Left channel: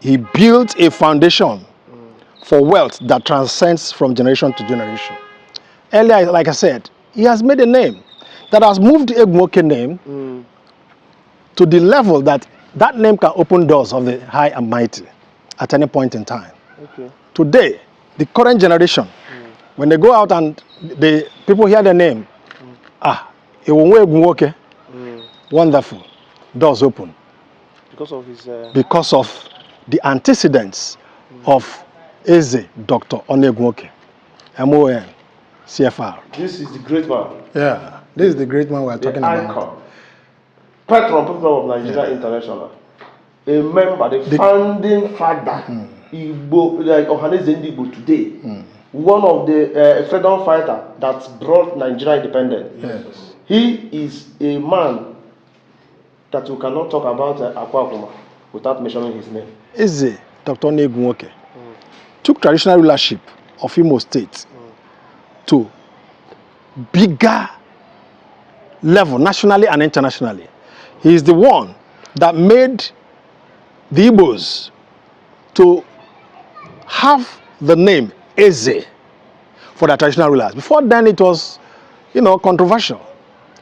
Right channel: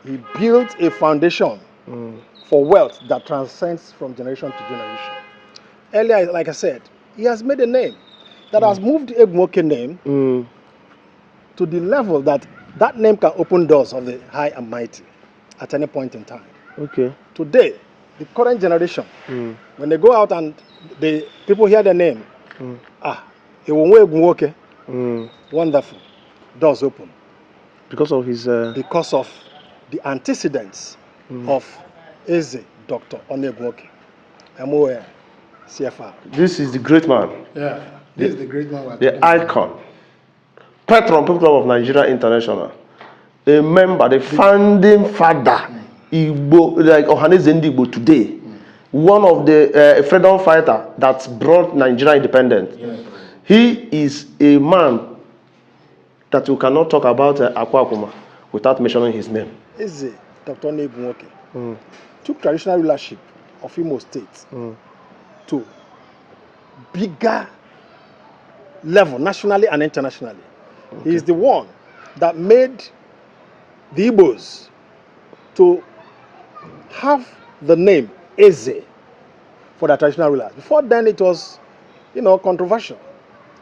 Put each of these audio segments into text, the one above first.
he built a foundation for wealth that transcends from generation to generation. Earlier, like I said, he has made a name that has moved the Egwunwoke name to the level that that name can open doors of the high and mighty at any point in time. Okay. Today, the current generation, when they go out and the people hear the name, Onu Egwunwoke, wonderful, doors open. Because of his... Because of the antecedents of Eze Dr. Onu Egwunwoke, M.O.N, CFR. This is the great man. Yeah, this is the great man we're talking the about. icon. Patron, People Club of Nigeria International. A member, the founding father, Igbo, like Oha'l Igbo today. One of the freedom fighter that brought Nigeria independence. Yes. He is a man that we cannot talk about Akwuakuma without mentioning his name. Eze Dr. Onu Egwunwoke took traditional rulership of Imo State to bigger level, nationally and internationally. He is the one that made the Igbos to have the name Eze for their traditional rulers. Before then, it was, controversial.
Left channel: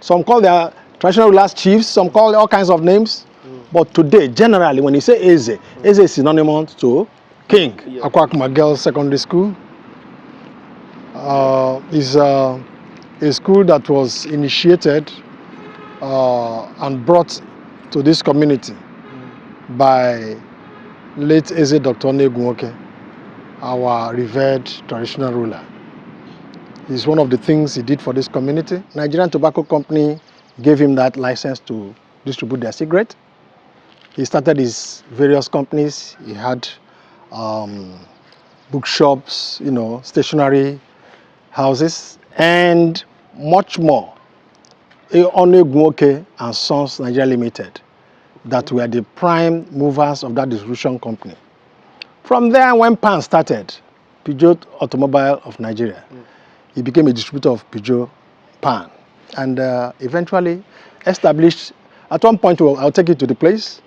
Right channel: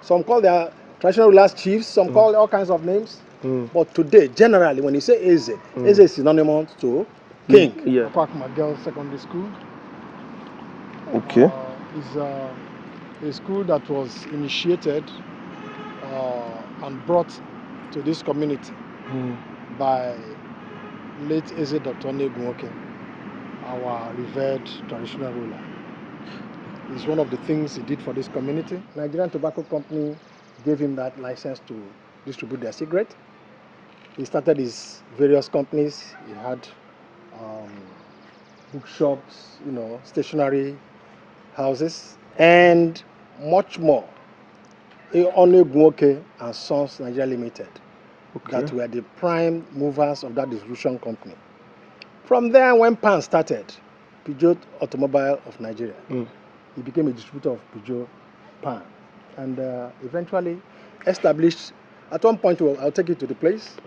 Some call their traditional rulers chiefs, some call all kinds of names. But today, generally, when you say Eze, Eze is synonymous to king. Akwuakuma Girls Secondary School is a school that was initiated and brought to this community by late Eze Dr. Onu Egwunwoke, our revered traditional ruler. It's one of the things he did for this community. Nigerian Tobacco Company gave him that license to distribute their cigarette. He started his various companies. He had bookshops, stationery houses, and much more. Onu Egwunwoke and Sons Nigeria Limited, that were the prime movers of that distribution company. From there, when Pan started, Peugeot Automobile of Nigeria, he became a distributor of Peugeot Pan, and eventually established, at one point, I'll take you to the place,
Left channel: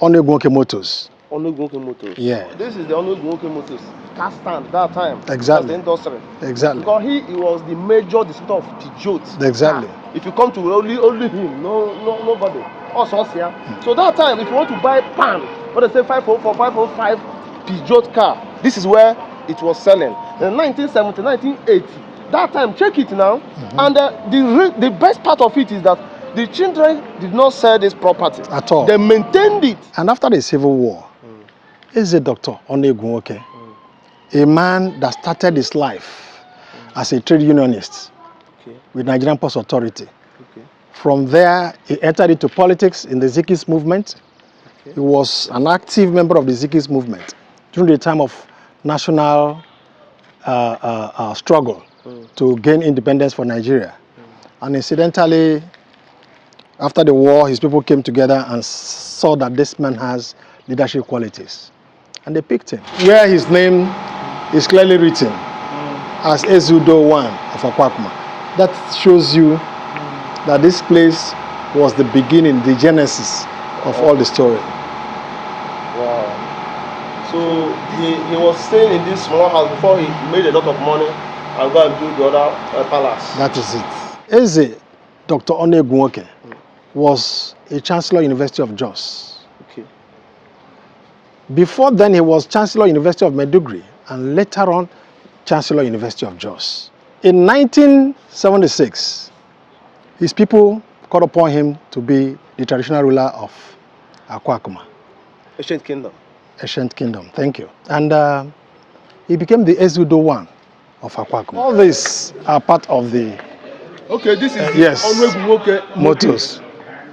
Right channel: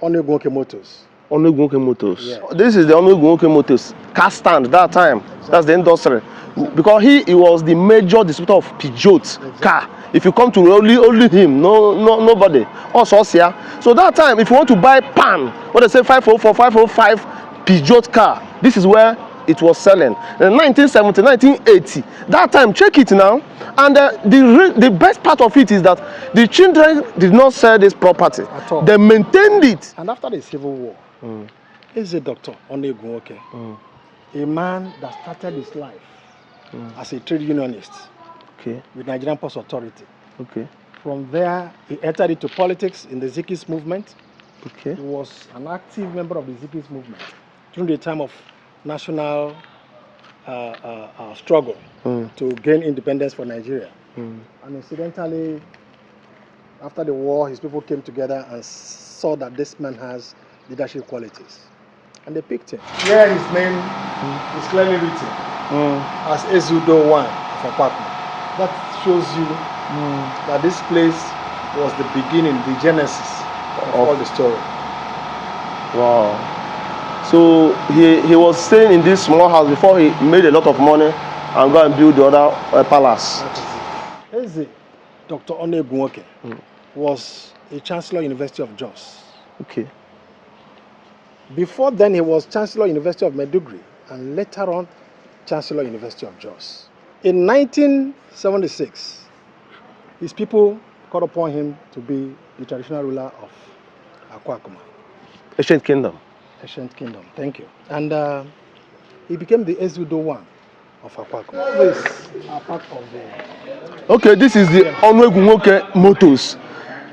Onu Egwunwoke Motors. Onu Egwunwoke Motors. Yeah. This is the Onu Egwunwoke Motors car stand that time. Exactly. That's the industry. Exactly. Because he was the major distributor of Peugeot. Exactly. Car. If you come to only him, nobody. Also here. So that time, if you want to buy Pan, what they say 504, 505 Peugeot car, this is where it was selling. In 1970, 1980. That time, check it now. And the best part of it is that the children did not sell this property at all. They maintained it. And after the Civil War, is a Dr. Onu Egwunwoke, a man that started his life as a trade unionist with Nigerian Post Authority. From there, he entered into politics in the 70’s movement. He was an active member of the 70’s movement during the time of national struggle to gain independence for Nigeria. And incidentally, after the war, his people came together and saw that this man has leadership qualities. And they picked him. Where his name is clearly written as Eze Onu-Egwunwoke of Akwuakuma. That shows you that this place was the beginning, the genesis of all the story. Wow. So he was staying in this small house before he made a lot of money and go and build the other palace. That is it. Eze Dr. Onu Egwunwoke was a Chancellor University of Jos. Before then, he was Chancellor University of Maiduguri and later on Chancellor University of Jos. In 1976, his people called upon him to be the traditional ruler of Akwuakuma. Ancient Kingdom. Ancient Kingdom, thank you. And he became the Eze Onu-Egwunwoke of Akwuakuma. All these are part of the... Okay, this is the Onu Egwunwoke Motors.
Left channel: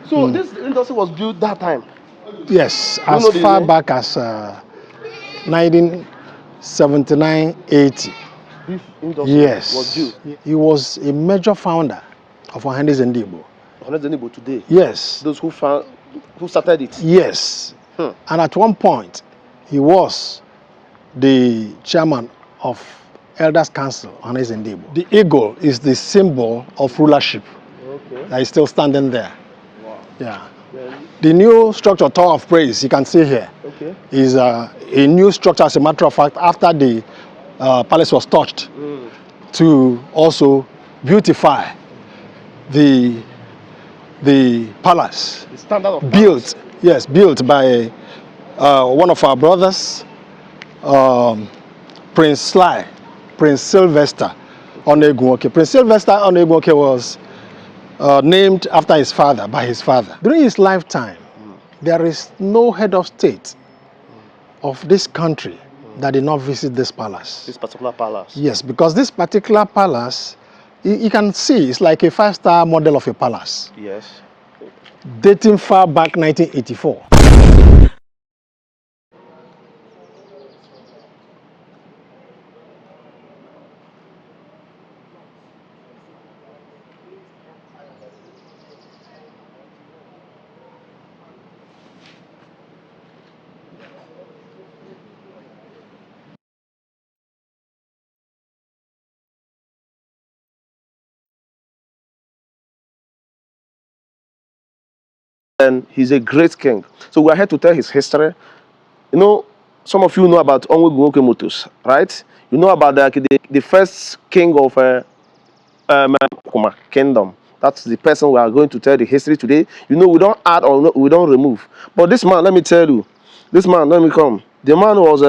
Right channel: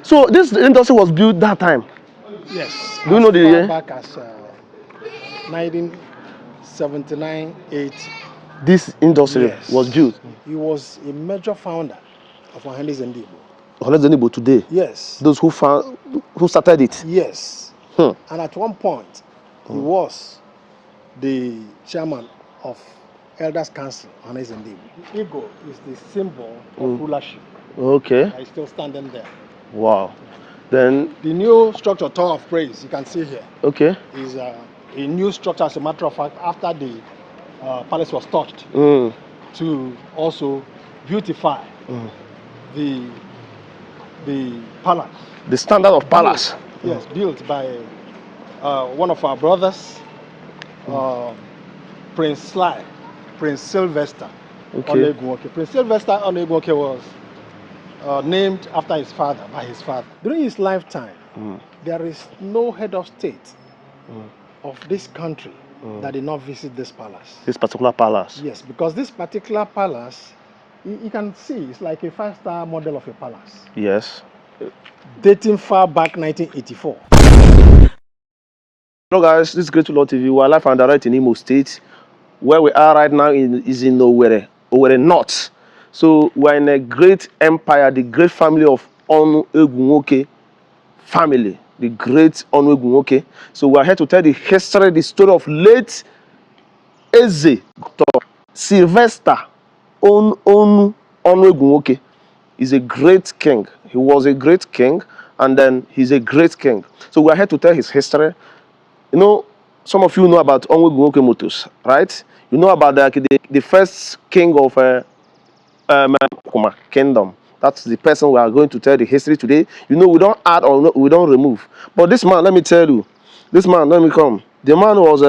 So this industry was built that time? Yes, as far back as 1979-80. This industry was built? He was a major founder of Oha'l Eze Onu-Egwunwoke. Oha'l Eze Onu-Egwunwoke today? Yes. Those who started it? Yes. And at one point, he was the chairman of Elders Council on Oha'l Eze Onu-Egwunwoke. The eagle is the symbol of rulership. That is still standing there. Wow. Yeah. Then the new structure, Tower of Praise, you can see here, okay. is a new structure, as a matter of fact, after the palace was touched, to also beautify the palace. The standard of palace. Yes, built by one of our brothers, Prince Sylvester Onu Egwunwoke. Prince Sylvester Onu Egwunwoke was named after his father, by his father. During his lifetime, there is no head of state of this country that did not visit this palace. This particular palace? Yes, because this particular palace, you can see, it's like a 5-star model of a palace. Yes. Dating far back 1984. Hello guys, this is Great Lord TV. We are live and direct in Imo State. Where we are right now is in Owerri North. So we are in a great empire, the great family of Onu Egwunwoke family, the great Onu Egwunwoke. So we are here to tell the history, the story of late Eze Sylvester Onu Egwunwoke. Is a great king. He was a great king, and then he's a great king. So we are here to tell his history. You know, some of you know about Onu Egwunwoke Motors, right? You know about the first king of Akwuakuma kingdom. That's the person we are going to tell the history today. You know, we don't add or we don't remove. But this man, let me tell you, this man, let me come. The man was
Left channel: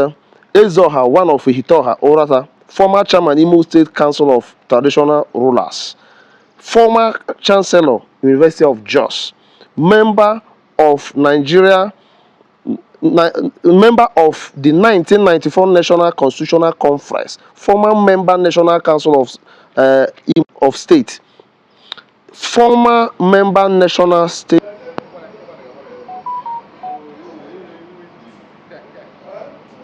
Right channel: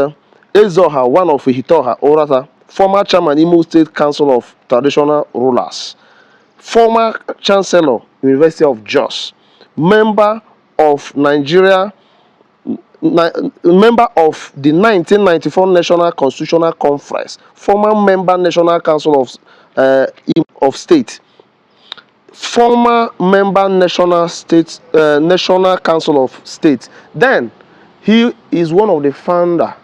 Ihitaoha, one of Ihitaoha, Uratta, former chairman, Imo State Council of Traditional Rulers, former chancellor, University of Jos, member of Nigeria, member of the 1994 National Constitutional Conference, former member National Council of State, former member National Council of State. Then he is one of the founder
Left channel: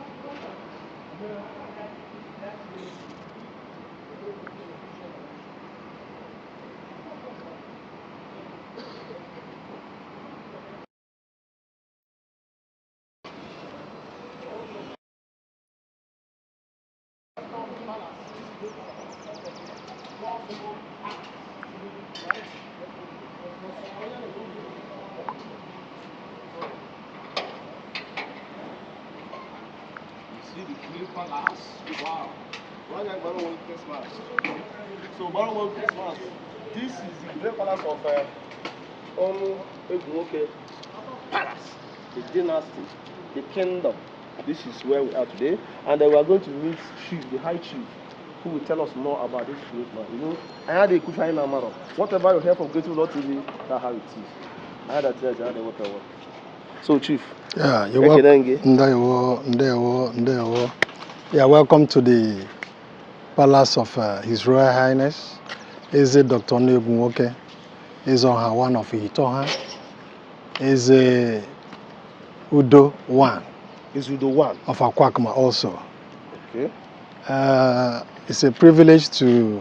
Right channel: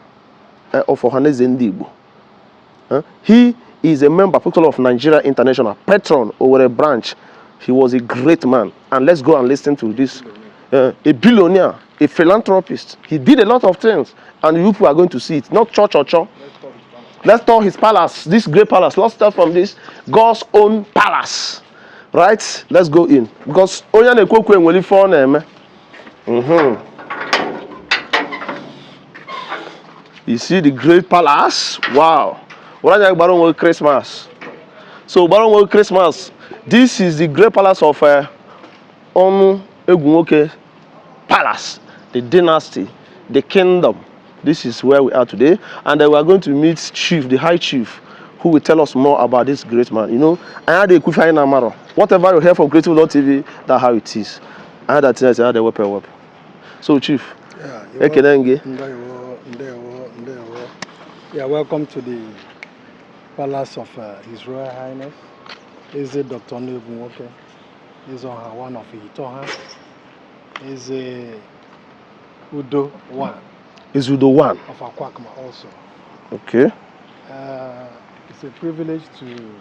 of HRH Eze Onu-Egwunwoke. He is a member of Nigeria International, patron Owerri branch. He was a great man. And let's go and listen to this. A billionaire, a philanthropist. He did a lot of things. And you people are going to see it. Not church or church. Let's talk his palace, this great palace. Let's start from this God's own palace. Right? Let's go in. Because Onu Egwunwoke You see the great palace? Wow. Uratta Baron Christmas. So Baron Christmas. This is the great palace of Onu Egwunwoke Palace, the dynasty, the kingdom. This is where we are today, and then we are going to meet Chief, the High Chief, who will tell us more about this great man. You know, I had a kufa in Amaro. Whatever you hear from Great Lord TV, that's how it is. I had that thing. I had a weapon. So, Chief. Yeah, you're welcome to the palace of His Royal Highness, Eze Dr. Onu Egwunwoke, Eze Onu of Ihitaoha, Eze Udo 1. Is Udo 1 of Akwuakuma also. Okay. It's a privilege to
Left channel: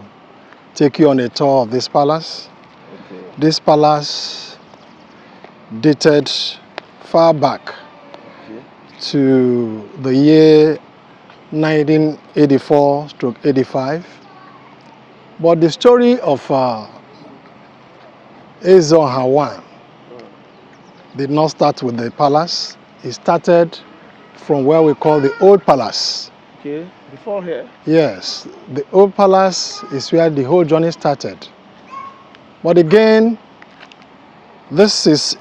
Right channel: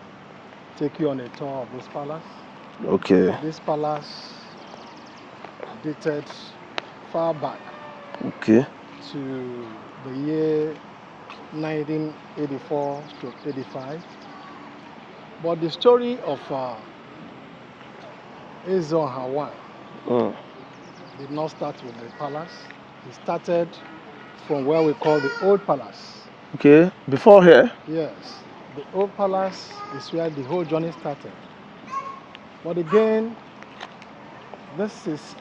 take you on a tour of this palace. Okay. This palace dated far back. Okay. To the year 1984-85. But the story of Eze Onu did not start with the palace. It started from where we call the Old Palace. Okay, before here? Yes, the Old Palace is where the whole journey started. But again, this is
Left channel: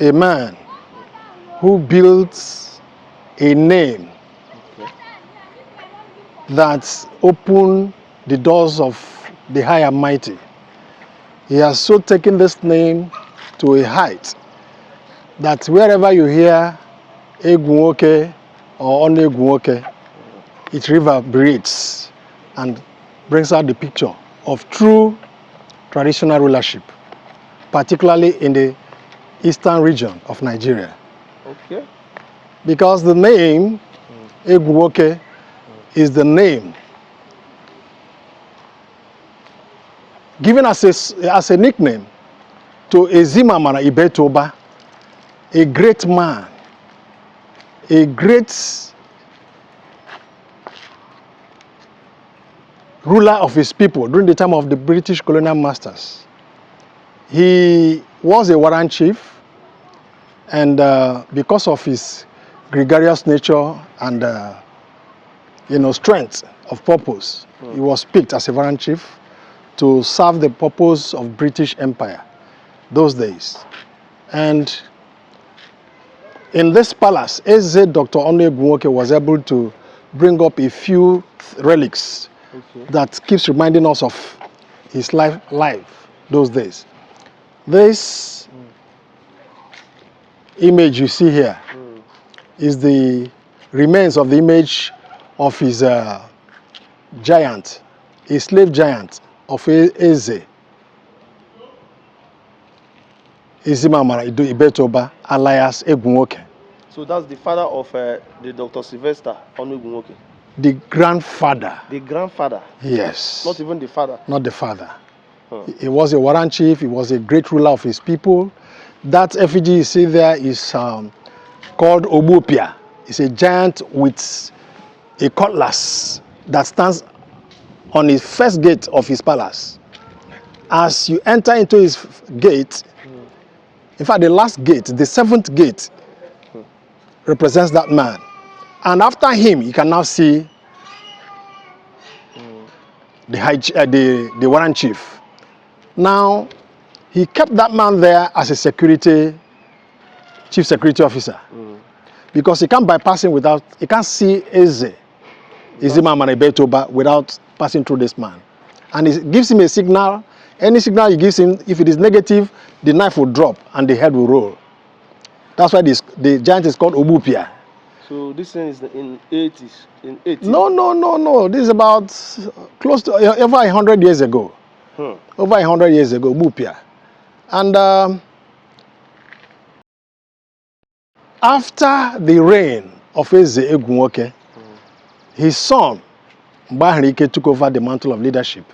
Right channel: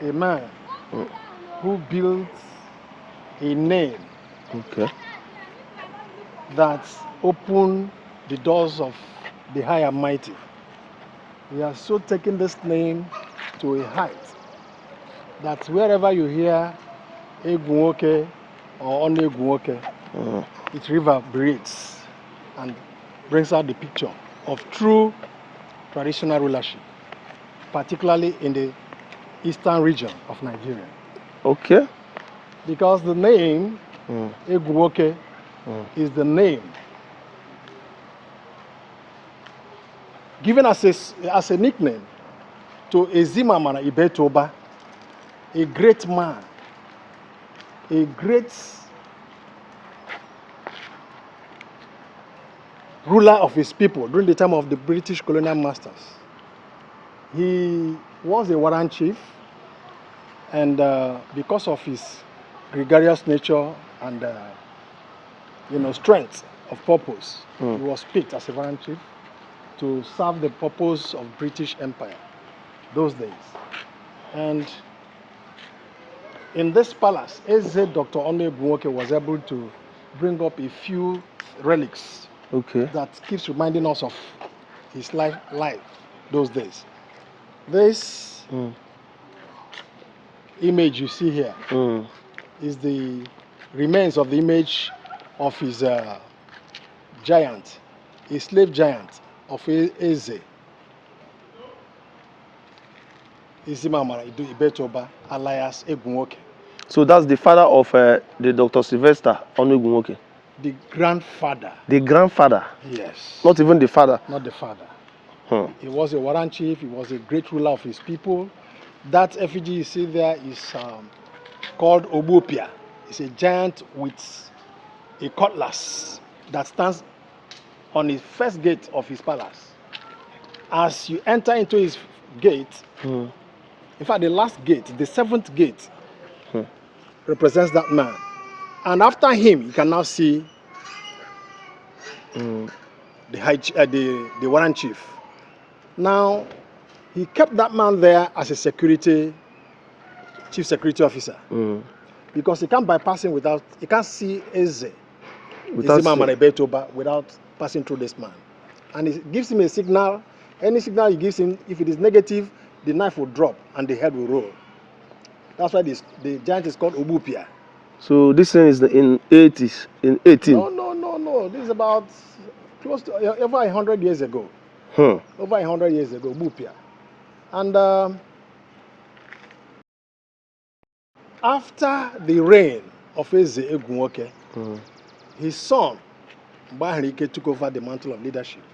a man who built a name that opened the doors of the high and mighty. He has so taken this name to a height that wherever you hear Egwunwoke or Onu Egwunwoke, it reverberates and brings out the picture of true traditional rulership, particularly in the eastern region of Nigeria. Okay. Because the name Egwunwoke is the name given as a nickname to Ezimamara Ihitaoha, a great man, a great ruler of his people during the time of the British colonial masters. He was a warrant chief. And because of his gregarious nature and strength of purpose, he was picked as a warrant chief to serve the purpose of British Empire those days. And in this palace, Eze Dr. Onu Egwunwoke was able to bring up a few relics that keeps reminding us of his life those days. This image you see here is the remains of the image of his giant, a slave giant of Eze. Ihitaoha alias Egwunwoke. So that's the father of the Dr. Sylvester Onu Egwunwoke. The grandfather. The grandfather? Yes. Not even the father? Not the father. He was a warrant chief. He was a great ruler of his people. That effigy you see there is called Obopia. It's a giant with a cutlass that stands on his first gate of his palace. As you enter into his gate, in fact, the last gate, the seventh gate, represents that man. And after him, you can now see the warrant chief. Now, he kept that man there as a chief security officer, because he can't bypass him without, he can't see Eze Ihitaoha without passing through this man. And he gives him a signal. Any signal he gives him, if it is negative, the knife will drop and the head will roll. That's why the giant is called Obupia. So this thing is in 80s, in 18? No. This is about close to over 100 years ago. Over 100 years ago, Obupia. And after the reign of Eze Egwunwoke, his son, Mba took over the mantle of leadership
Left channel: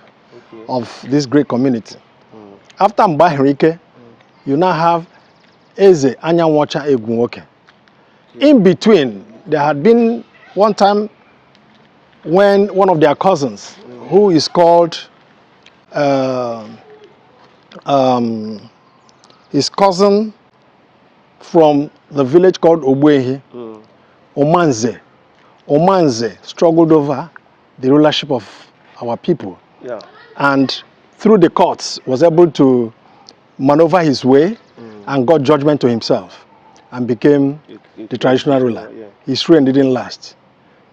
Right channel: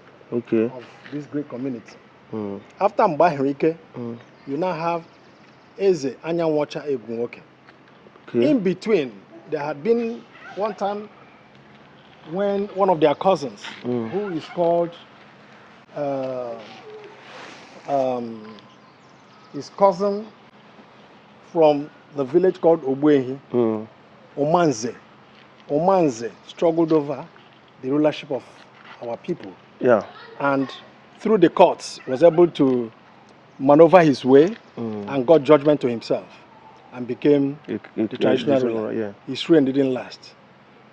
of this great community. After Mba you now have Eze Anyanwacha Egwunwoke. In between, there had been one time when one of their cousins, who is called his cousin from the village called Ogbuehi, Omanze struggled over the rulership of our people. And through the courts was able to maneuver his way and got judgment to himself and became the traditional ruler. His reign didn't last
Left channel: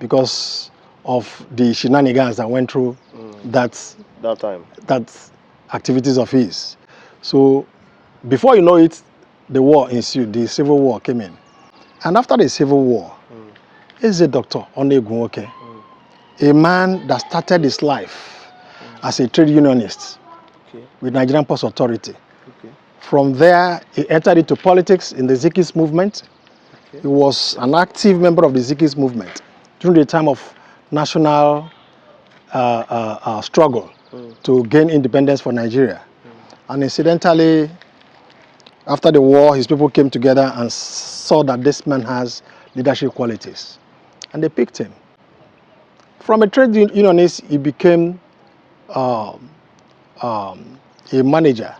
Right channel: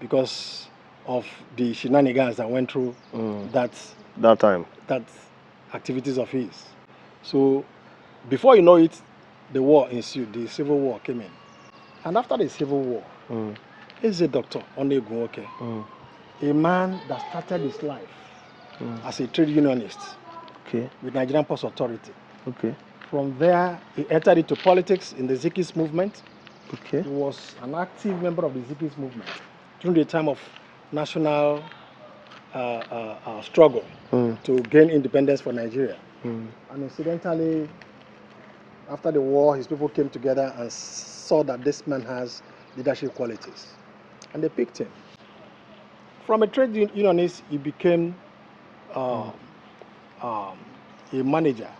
because of the shenanigans that went through that activities of his. So before you know it, the war ensued, the civil war came in. And after the civil war, Eze Dr. Onu Egwunwoke, a man that started his life as a trade unionist with Nigerian Post Authority. From there, he entered into politics in the 70’s movement. He was an active member of the 70’s movement during the time of national struggle to gain independence for Nigeria. And incidentally, after the war, his people came together and saw that this man has leadership qualities. And they picked him. From a trade unionist, he became a manager,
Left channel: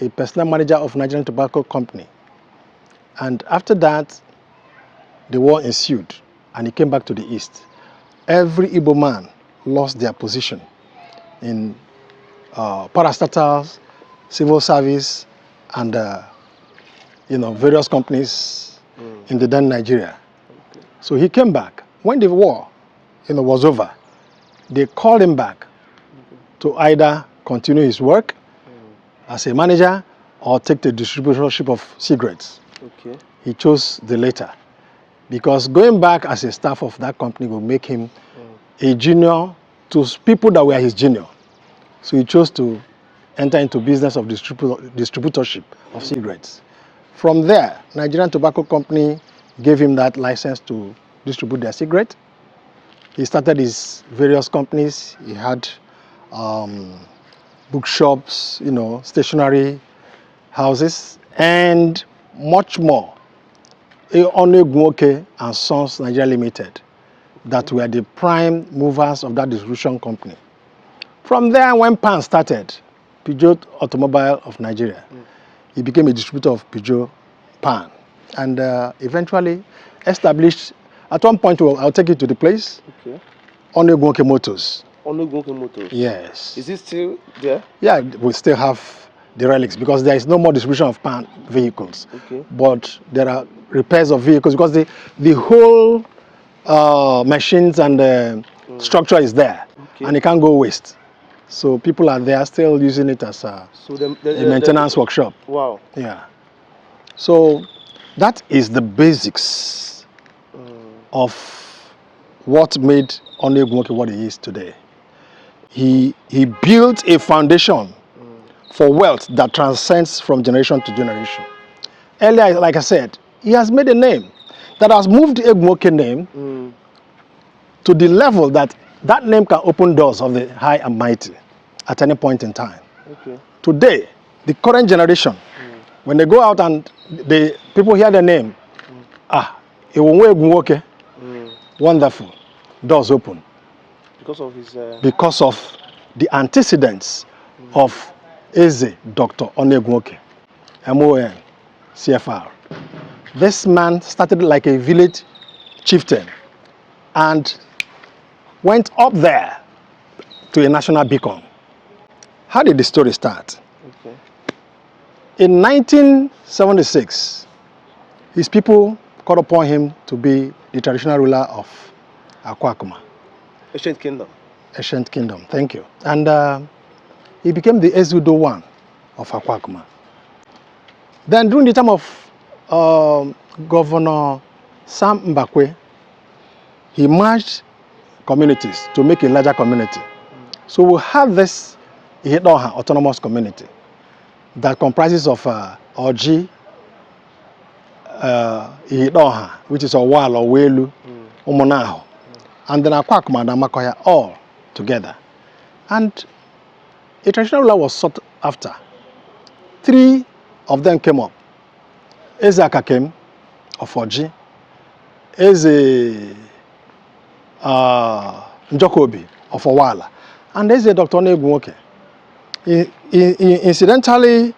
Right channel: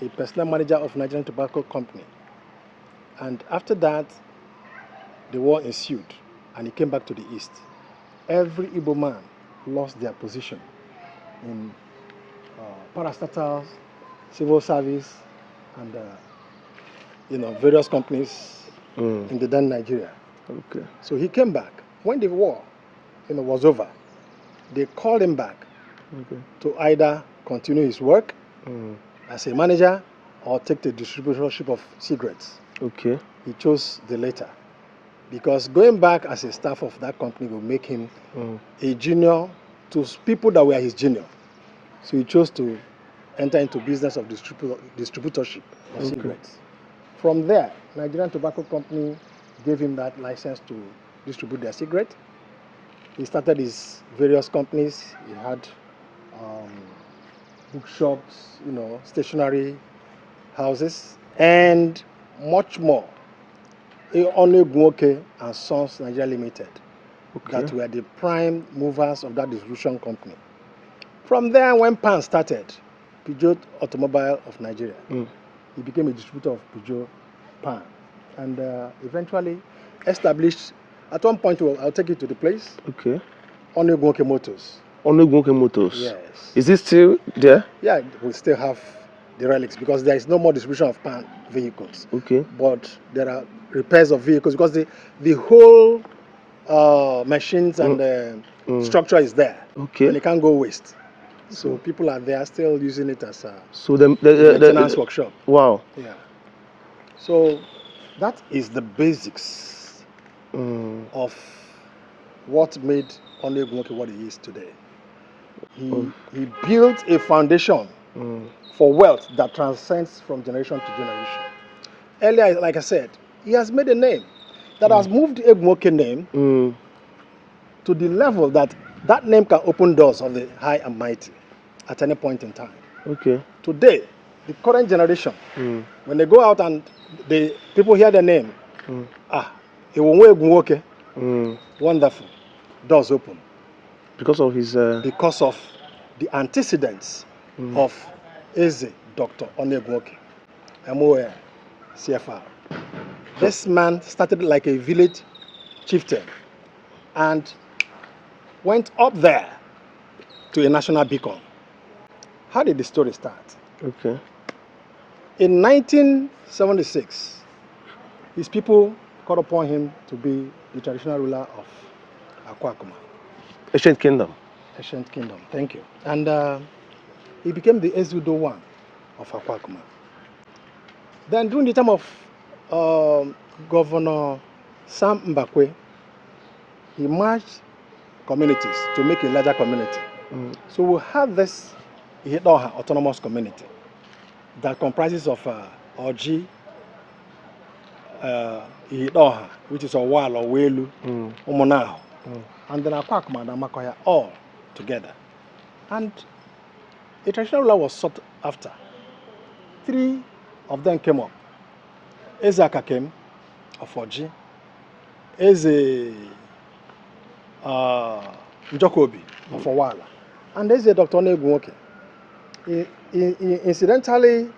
a personal manager of Nigerian Tobacco Company. And after that, the war ensued, and he came back to the east. Every Igbo man lost their position in parastatals, civil service, and various companies in the then Nigeria. So he came back. When the war was over, they called him back to either continue his work as a manager or take the distributorship of cigarettes. He chose the latter, because going back as a staff of that company will make him a junior to people that were his junior. So he chose to enter into business of distributorship of cigarettes. From there, Nigerian Tobacco Company gave him that license to distribute their cigarette. He started his various companies. He had bookshops, stationery houses, and much more. Onu Egwunwoke and Sons Nigeria Limited, that were the prime movers of that distribution company. From there, when Pan started, Peugeot Automobile of Nigeria, he became a distributor of Peugeot Pan. and eventually established. At one point, I'll take you to the place. Okay. Onu Egwunwoke Motors. Onu Egwunwoke Motors. Yes. Is it still there? Yeah, we still have the relics because there is no more distribution of pan vehicles. Okay. But there are repairs of vehicles because the whole machines and structure is there. Okay. And it can't go waste. So people are there still using it as a the maintenance workshop. Wow. Yeah. So that is the basics of what made Onu Egwunwoke what he is today. He built a foundation for wealth that transcends from generation to generation. Earlier, like I said, he has made a name that has moved the Egwunwoke name to the level that name can open doors of the high and mighty at any point in time. Okay. Today, the current generation, when they go out and the people hear the name, Onu Egwunwoke, wonderful, doors open. Because of his... Because of the antecedents of Eze Dr. Onu Egwunwoke, M.O.N, CFR. This man started like a village chieftain and went up there to a national beacon. How did the story start? Okay. In 1976, his people called upon him to be the traditional ruler of Akwuakuma. Ancient Kingdom. Ancient Kingdom, thank you. And he became the Ezudo I of Akwuakuma. Then during the time of Governor Sam Mbakwe, he merged communities to make a larger community. So we have this Ihitaoha autonomous community that comprises of Oji, Ihitaoha, which is Oha'l or Welu, Oha'l, and then Akwuakuma and Amakoya all together. And a traditional ruler was sought after. 3 of them came up. Eze Aka came of Oji, Eze Njokobi of Oha'l, and Eze Dr. Onu Egwunwoke. Incidentally,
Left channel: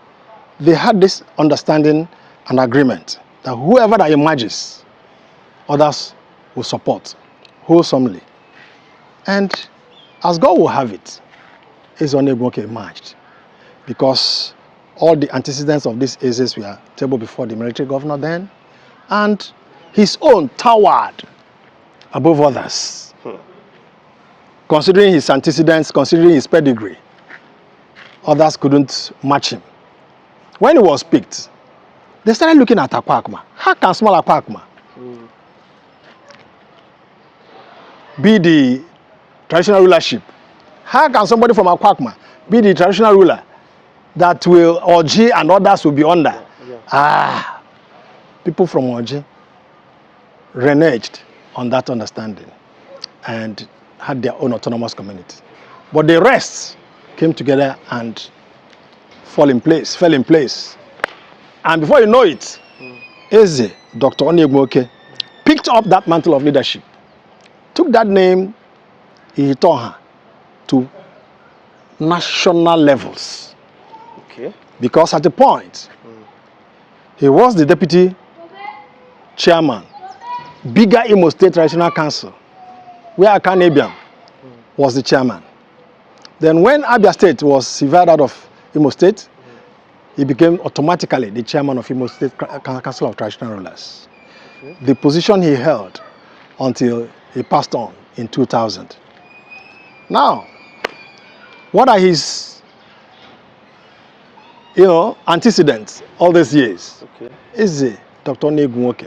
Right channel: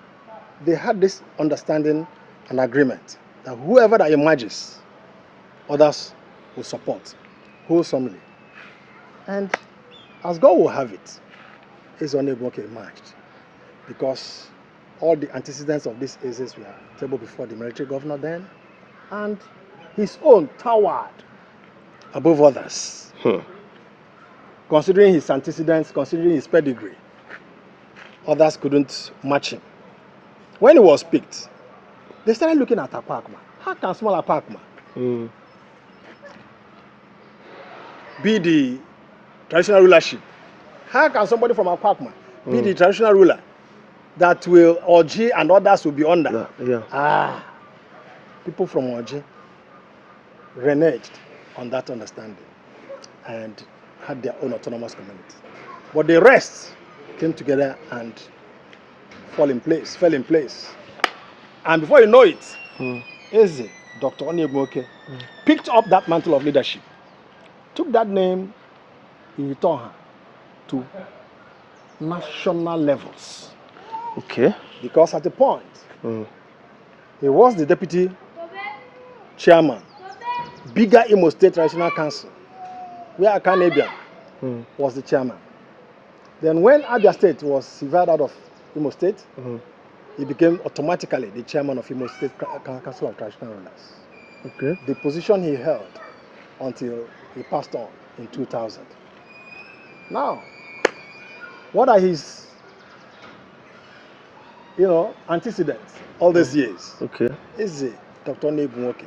they had this understanding and agreement that whoever that emerges, others will support wholesomely. And as God will have it, Eze Onu Egwunwoke emerged because all the antecedents of these Ezes were tabled before the military governor then, and his own towered above others. Considering his antecedents, considering his pedigree, others couldn't match him. When he was picked, they started looking at Akwuakuma. How can small Akwuakuma be the traditional rulership? How can somebody from Akwuakuma be the traditional ruler that will Oji and others will be under? People from Oji reneged on that understanding and had their own autonomous community. But the rest came together and fell in place. And before you know it, Eze, Dr. Onu Egwunwoke, picked up that mantle of leadership, took that name, Ihitaoha, to national levels. Okay. Because at the point, he was the deputy chairman, bigger Imo State Traditional Council, where Akan Ebiam was the chairman. Then when Abia State was severed out of Imo State, he became automatically the chairman of Imo State Council of Traditional Rulers. Okay. The position he held until he passed on in 2000. Now, what are his, antecedents all these years? Okay. Eze Dr. Onu Egwunwoke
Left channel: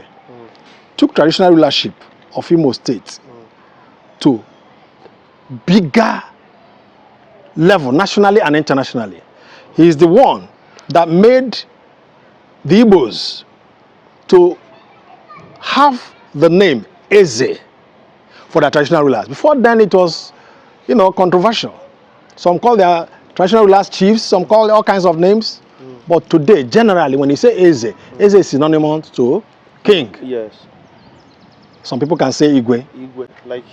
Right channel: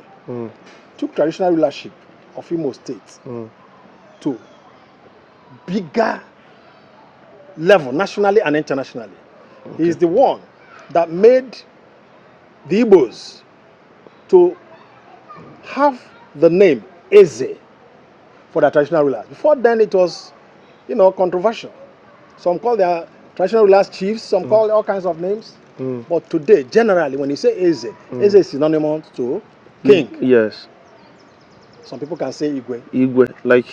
took traditional rulership of Imo State to bigger level, nationally and internationally. He is the one that made the Igbos to have the name Eze for their traditional rulers. Before then it was, controversial. Some call their traditional rulers chiefs, some call all kinds of names. But today, generally, when you say Eze, Eze is synonymous to king. Yes. Some people can say Igwe. Igwe. Like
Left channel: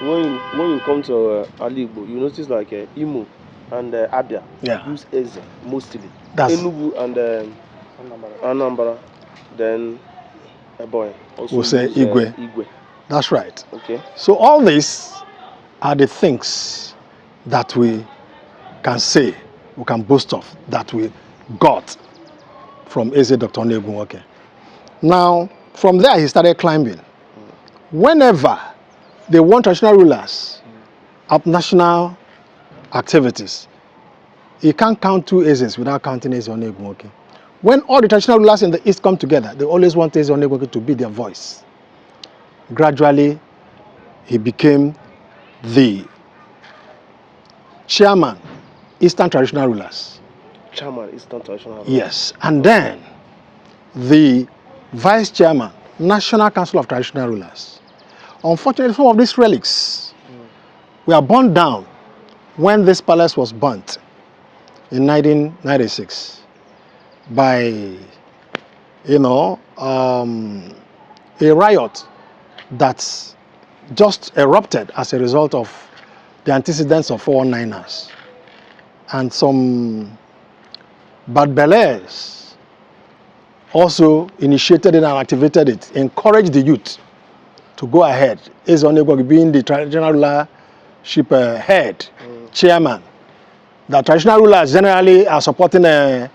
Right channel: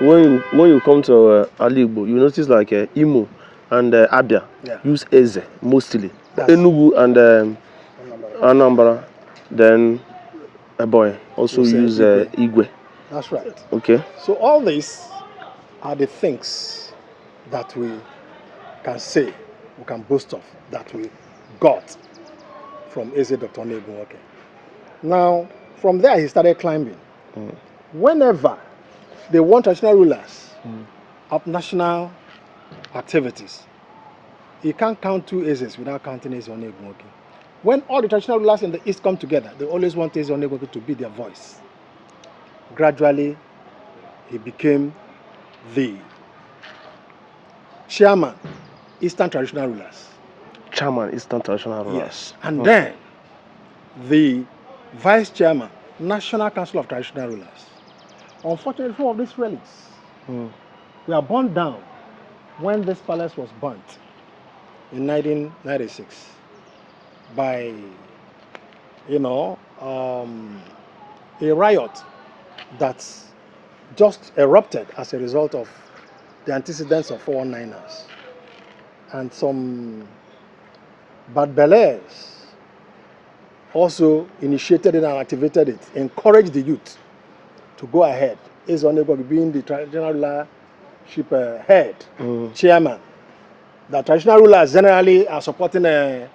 when you come to Ali Igbo, you notice like Imo and Abia use Eze mostly. That's Enugu and Anambra, then A boy. Also We'll say use Igwe. Igwe. That's right. Okay. So all these are the things that we can say, we can boast of, that we got from Eze Dr. Onu Egwunwoke. Now, from there he started climbing. Whenever they want traditional rulers at national activities, he can't count 2 Ezes without counting Eze Onu Egwunwoke. When all the traditional rulers in the East come together, they always want Eze Onu Egwunwoke to be their voice. Gradually, he became the chairman, Eastern Traditional Rulers. Chairman, Eastern Traditional Rulers. Yes, and then the vice chairman, National Council of Traditional Rulers. Unfortunately, some of these relics were burned down when this palace was burnt in 1996 by, a riot that just erupted as a result of the antecedents of 419ers. And some bad bellers also initiated it and activated it, encouraged the youth to go ahead. Eze Onu Egwunwoke being the traditional rulership head, chairman. The traditional rulers generally are supporting these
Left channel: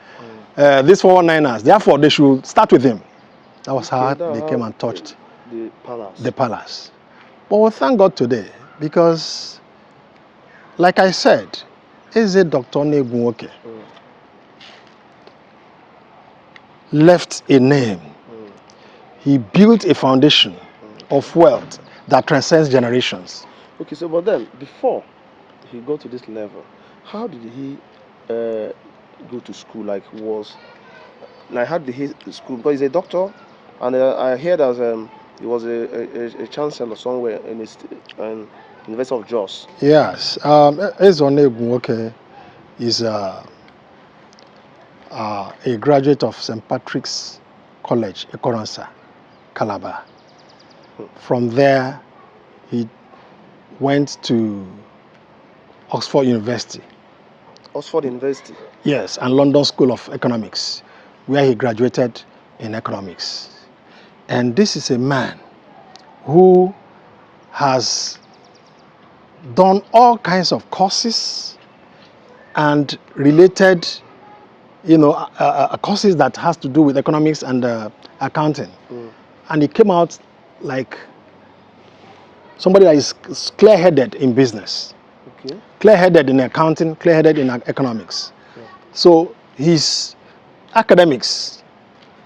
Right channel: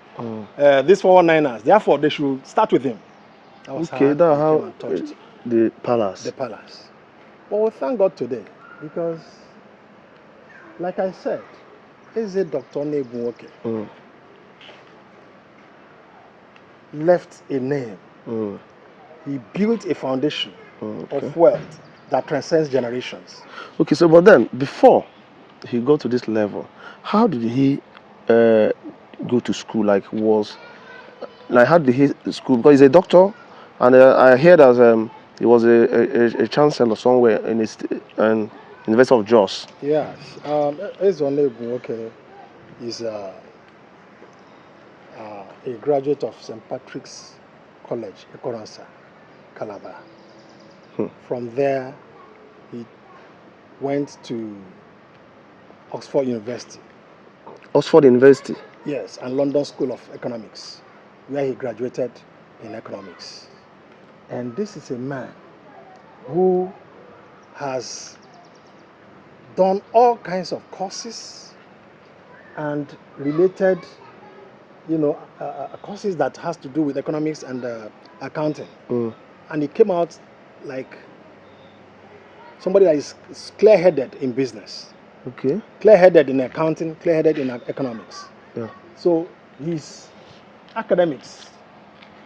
419ers. Therefore, they should start with him. That was how they came and touched the palace. the palace. But we thank God today because, like I said, Eze Dr. Onu Egwunwoke left a name. He built a foundation of wealth that transcends generations. Okay, so but then before he got to this level, how did he go to school? How did he school? Because he's a doctor, and I heard as he was a chancellor somewhere in the University of Jos. Yes, Eze Onu Egwunwoke is a graduate of St. Patrick's College, Ekoransa, Calabar. From there, he went to Oxford University. Oxford University? Yes, and London School of Economics, where he graduated in economics. And this is a man who has done all kinds of courses and related, courses that has to do with economics and accounting. And he came out like somebody that is clear-headed in business. Okay. Clear-headed in accounting, clear-headed in economics. Yeah. So his academics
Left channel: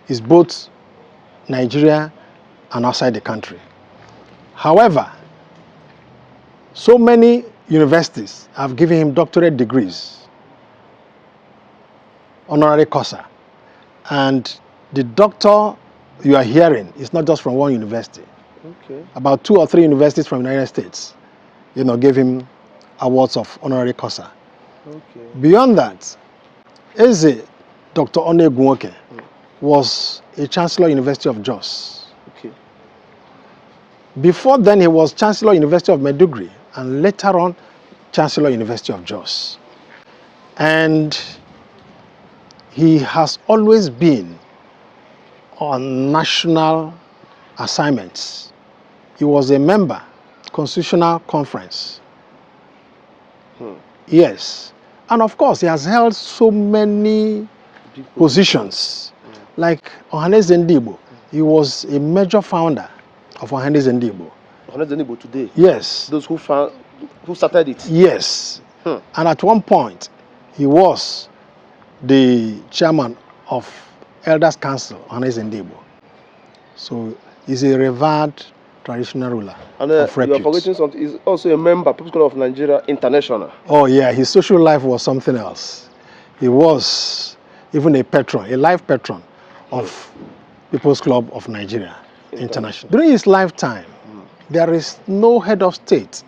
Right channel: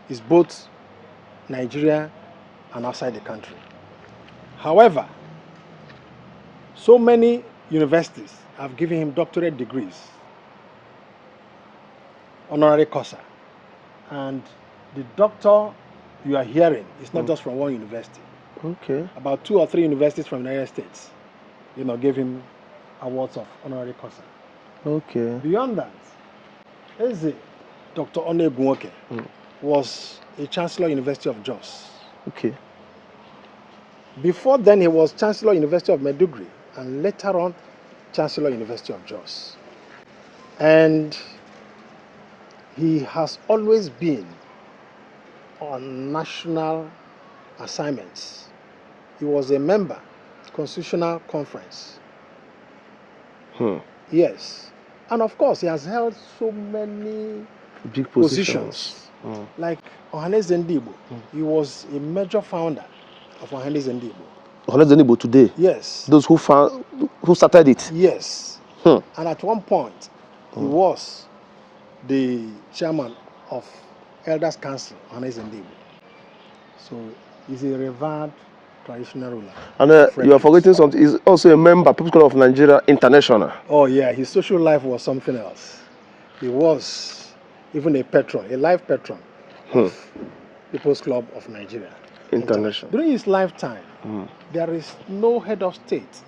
is both Nigeria and outside the country. However, so many universities have given him doctorate degrees, honorary causa, and the doctor you are hearing is not just from one university. Okay. About 2 or 3 universities from the United States, gave him awards of honorary causa. Okay. Beyond that, Eze Dr. Onu Egwunwoke was a Chancellor University of Jos. Okay. Before then, he was Chancellor University of Maiduguri, and later on, Chancellor University of Jos. And he has always been on national assignments. He was a member, Constitutional Conference. Yes. And of course, he has held so many big positions. Like Oha'l Ndigbo. He was a major founder of Oha'l Ndigbo. Oha'l Ndigbo today? Yes. Those who started it? Yes. And at one point, he was the chairman of Elders Council, Oha'l Ndigbo. So he's a revered traditional ruler. And you are forgetting something. He's also a member, People's Club of Nigeria International. Oh yeah, his social life was something else. He was even a patron, a life patron of People's Club of Nigeria International. During his lifetime, there is no head of state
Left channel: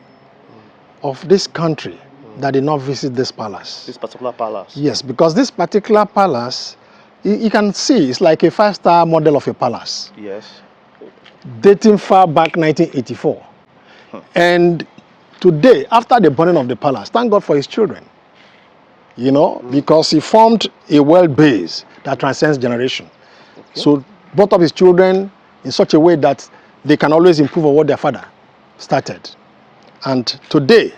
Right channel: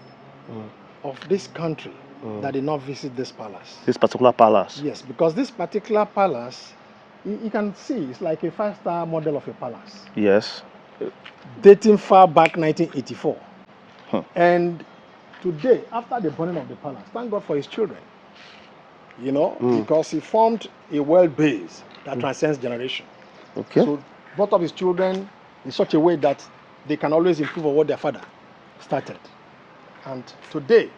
of this country that did not visit this palace. This particular palace? Yes, because this particular palace, you can see, it's like a 5-star model of a palace. Yes. Dating far back 1984. And today, after the burning of the palace, thank God for his children. Because he formed a wealth base that transcends generation. Okay. So both of his children in such a way that they can always improve on what their father started. And today,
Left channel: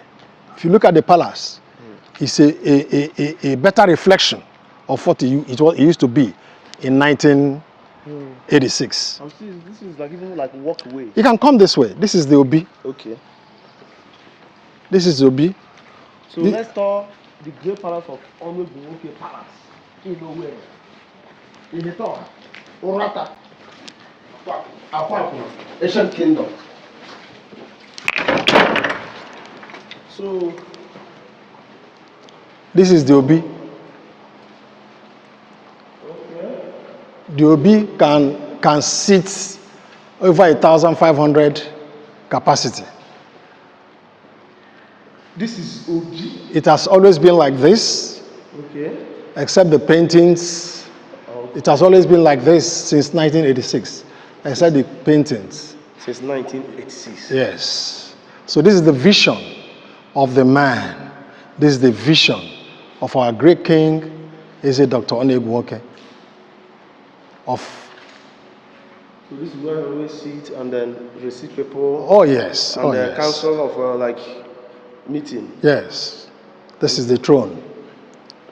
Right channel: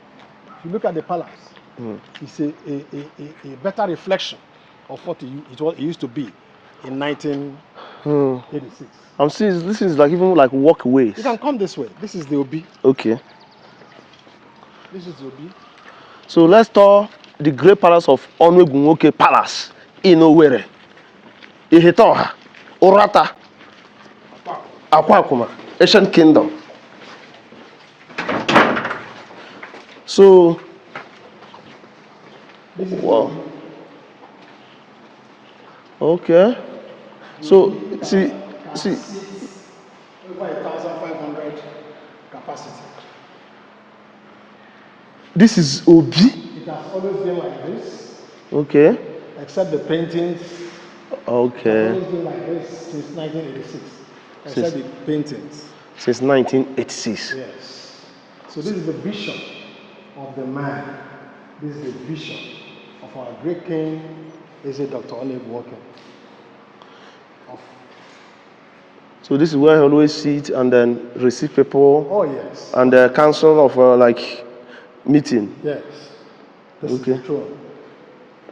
if you look at the palace, it's a better reflection of what it used to be in 1986. I'm seeing this is like even like walkways. You can come this way. This is the Obi. Okay. This is the Obi. So let's tour the great palace of Onu Egwunwoke Palace in Owerri, Ihitaoha, Uratta, Akwuakuma, ancient kingdom. So this is the Obi. Okay. The Obi can sit over 1,500 capacity. This is Obi. It has always been like this. Okay. Except the paintings. Okay. It has always been like this since 1986. Except the paintings. Since 1986. Yes. So this is the vision of the man. This is the vision of our great king, Dr. Onu Egwunwoke. So this is where he always sit and then receive people. Oh yes. And the council of like meeting. Yes. This is the throne.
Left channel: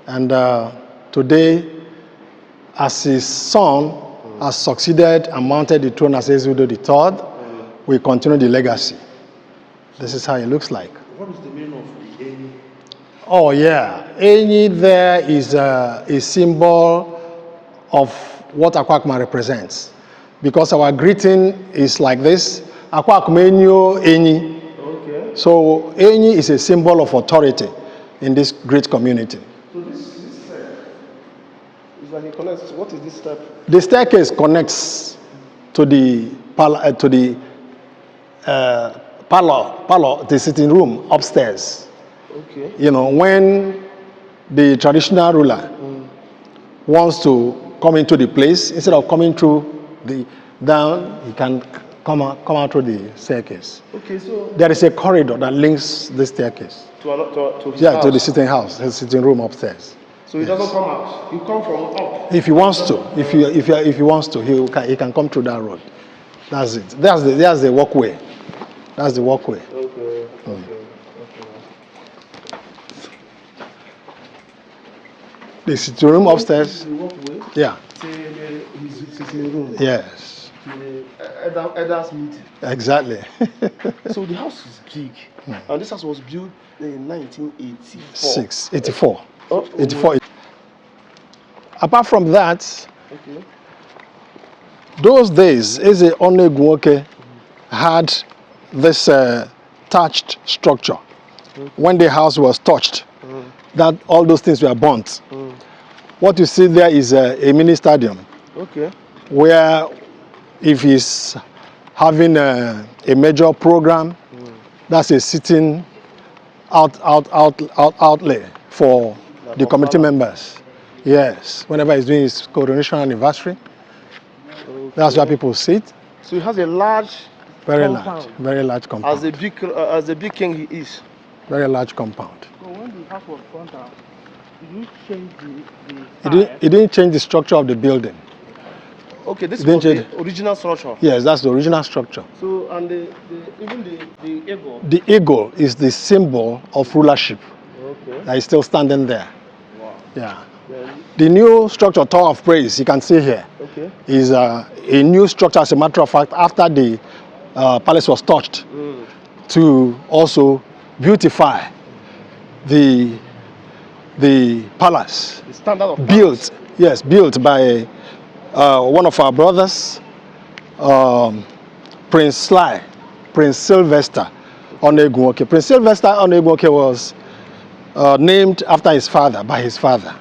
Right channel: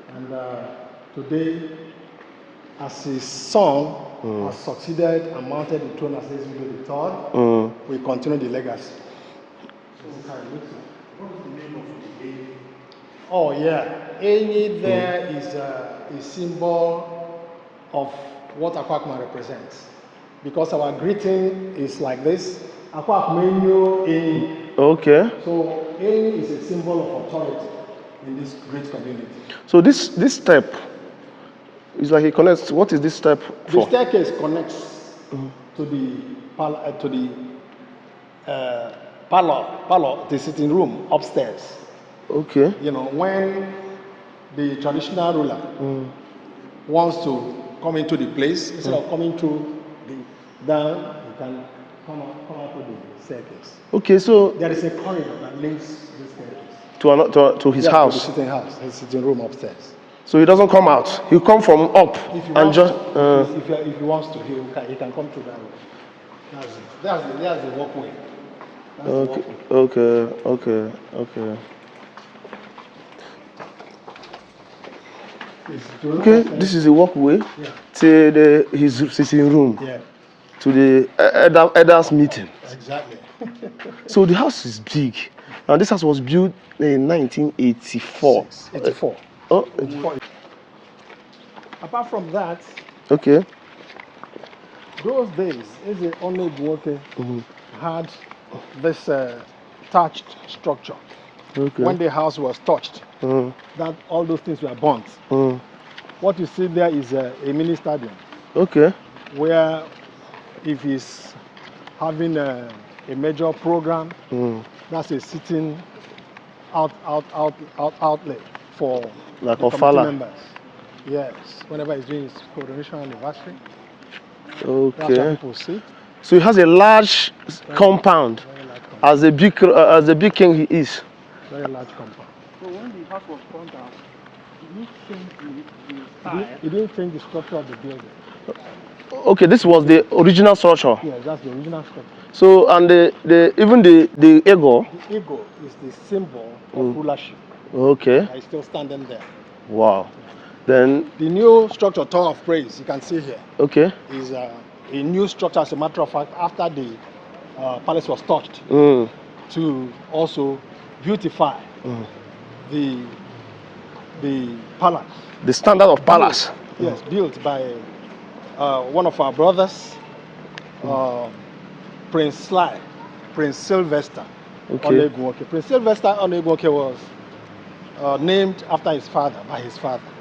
And today, as his son has succeeded and mounted the throne as Eze Udo III, we continue the legacy. This is how it looks like. What is the name of the Enyi? Oh yeah, Enyi there is a symbol of what Akwuakuma represents. Because our greeting is like this, Akwuakuma Enyi. Okay. So Enyi is a symbol of authority in this great community. So this step is like it connects. What is this step? The staircase connects to the parlor, the sitting room upstairs. Okay. You know, when the traditional ruler wants to come into the place, instead of coming through the down, he can come out through the staircase. Okay, so there is a corridor that links the staircase to his house. To the sitting house, his sitting room upstairs. So he doesn't come out. He'll come from up. If he wants to, if he wants to, he can come through that road. That's it. That's the walkway. That's the walkway. Okay. The sitting room upstairs. This is the walkway. Yeah. To his sitting room. Yes. To the elders meeting. Exactly. So the house is big. Now this house was built in 1984. 84. Oh, 84. Apart from that, okay. Those days, Eze Onu Egwunwoke had this thatched structure. Okay. When the house was touched, that all those things were burnt. What you see there is a mini stadium. Okay. Where if he's having a major program, that's a sitting outlay for like the committee members. Yes. Whenever he's doing his coronation anniversary. Okay. That's where people sit. So he has a large compound. Very large compound. As a big king he is. Very large compound. So when the house was burnt out, did you change the style? He didn't change the structure of the building. Okay, this was the original structure. Yes, that's the original structure. So and even the eagle. The eagle is the symbol of rulership. Okay. That is still standing there. Wow. Yeah. Then the new structure, Tower of Praise, you can see here. Okay. Is a new structure, as a matter of fact, after the palace was touched, to also beautify the palace. The standard of palace. Yes, built by one of our brothers, Prince Sylvester Onu Egwunwoke. Prince Sylvester Onu Egwunwoke was named after his father, by his father.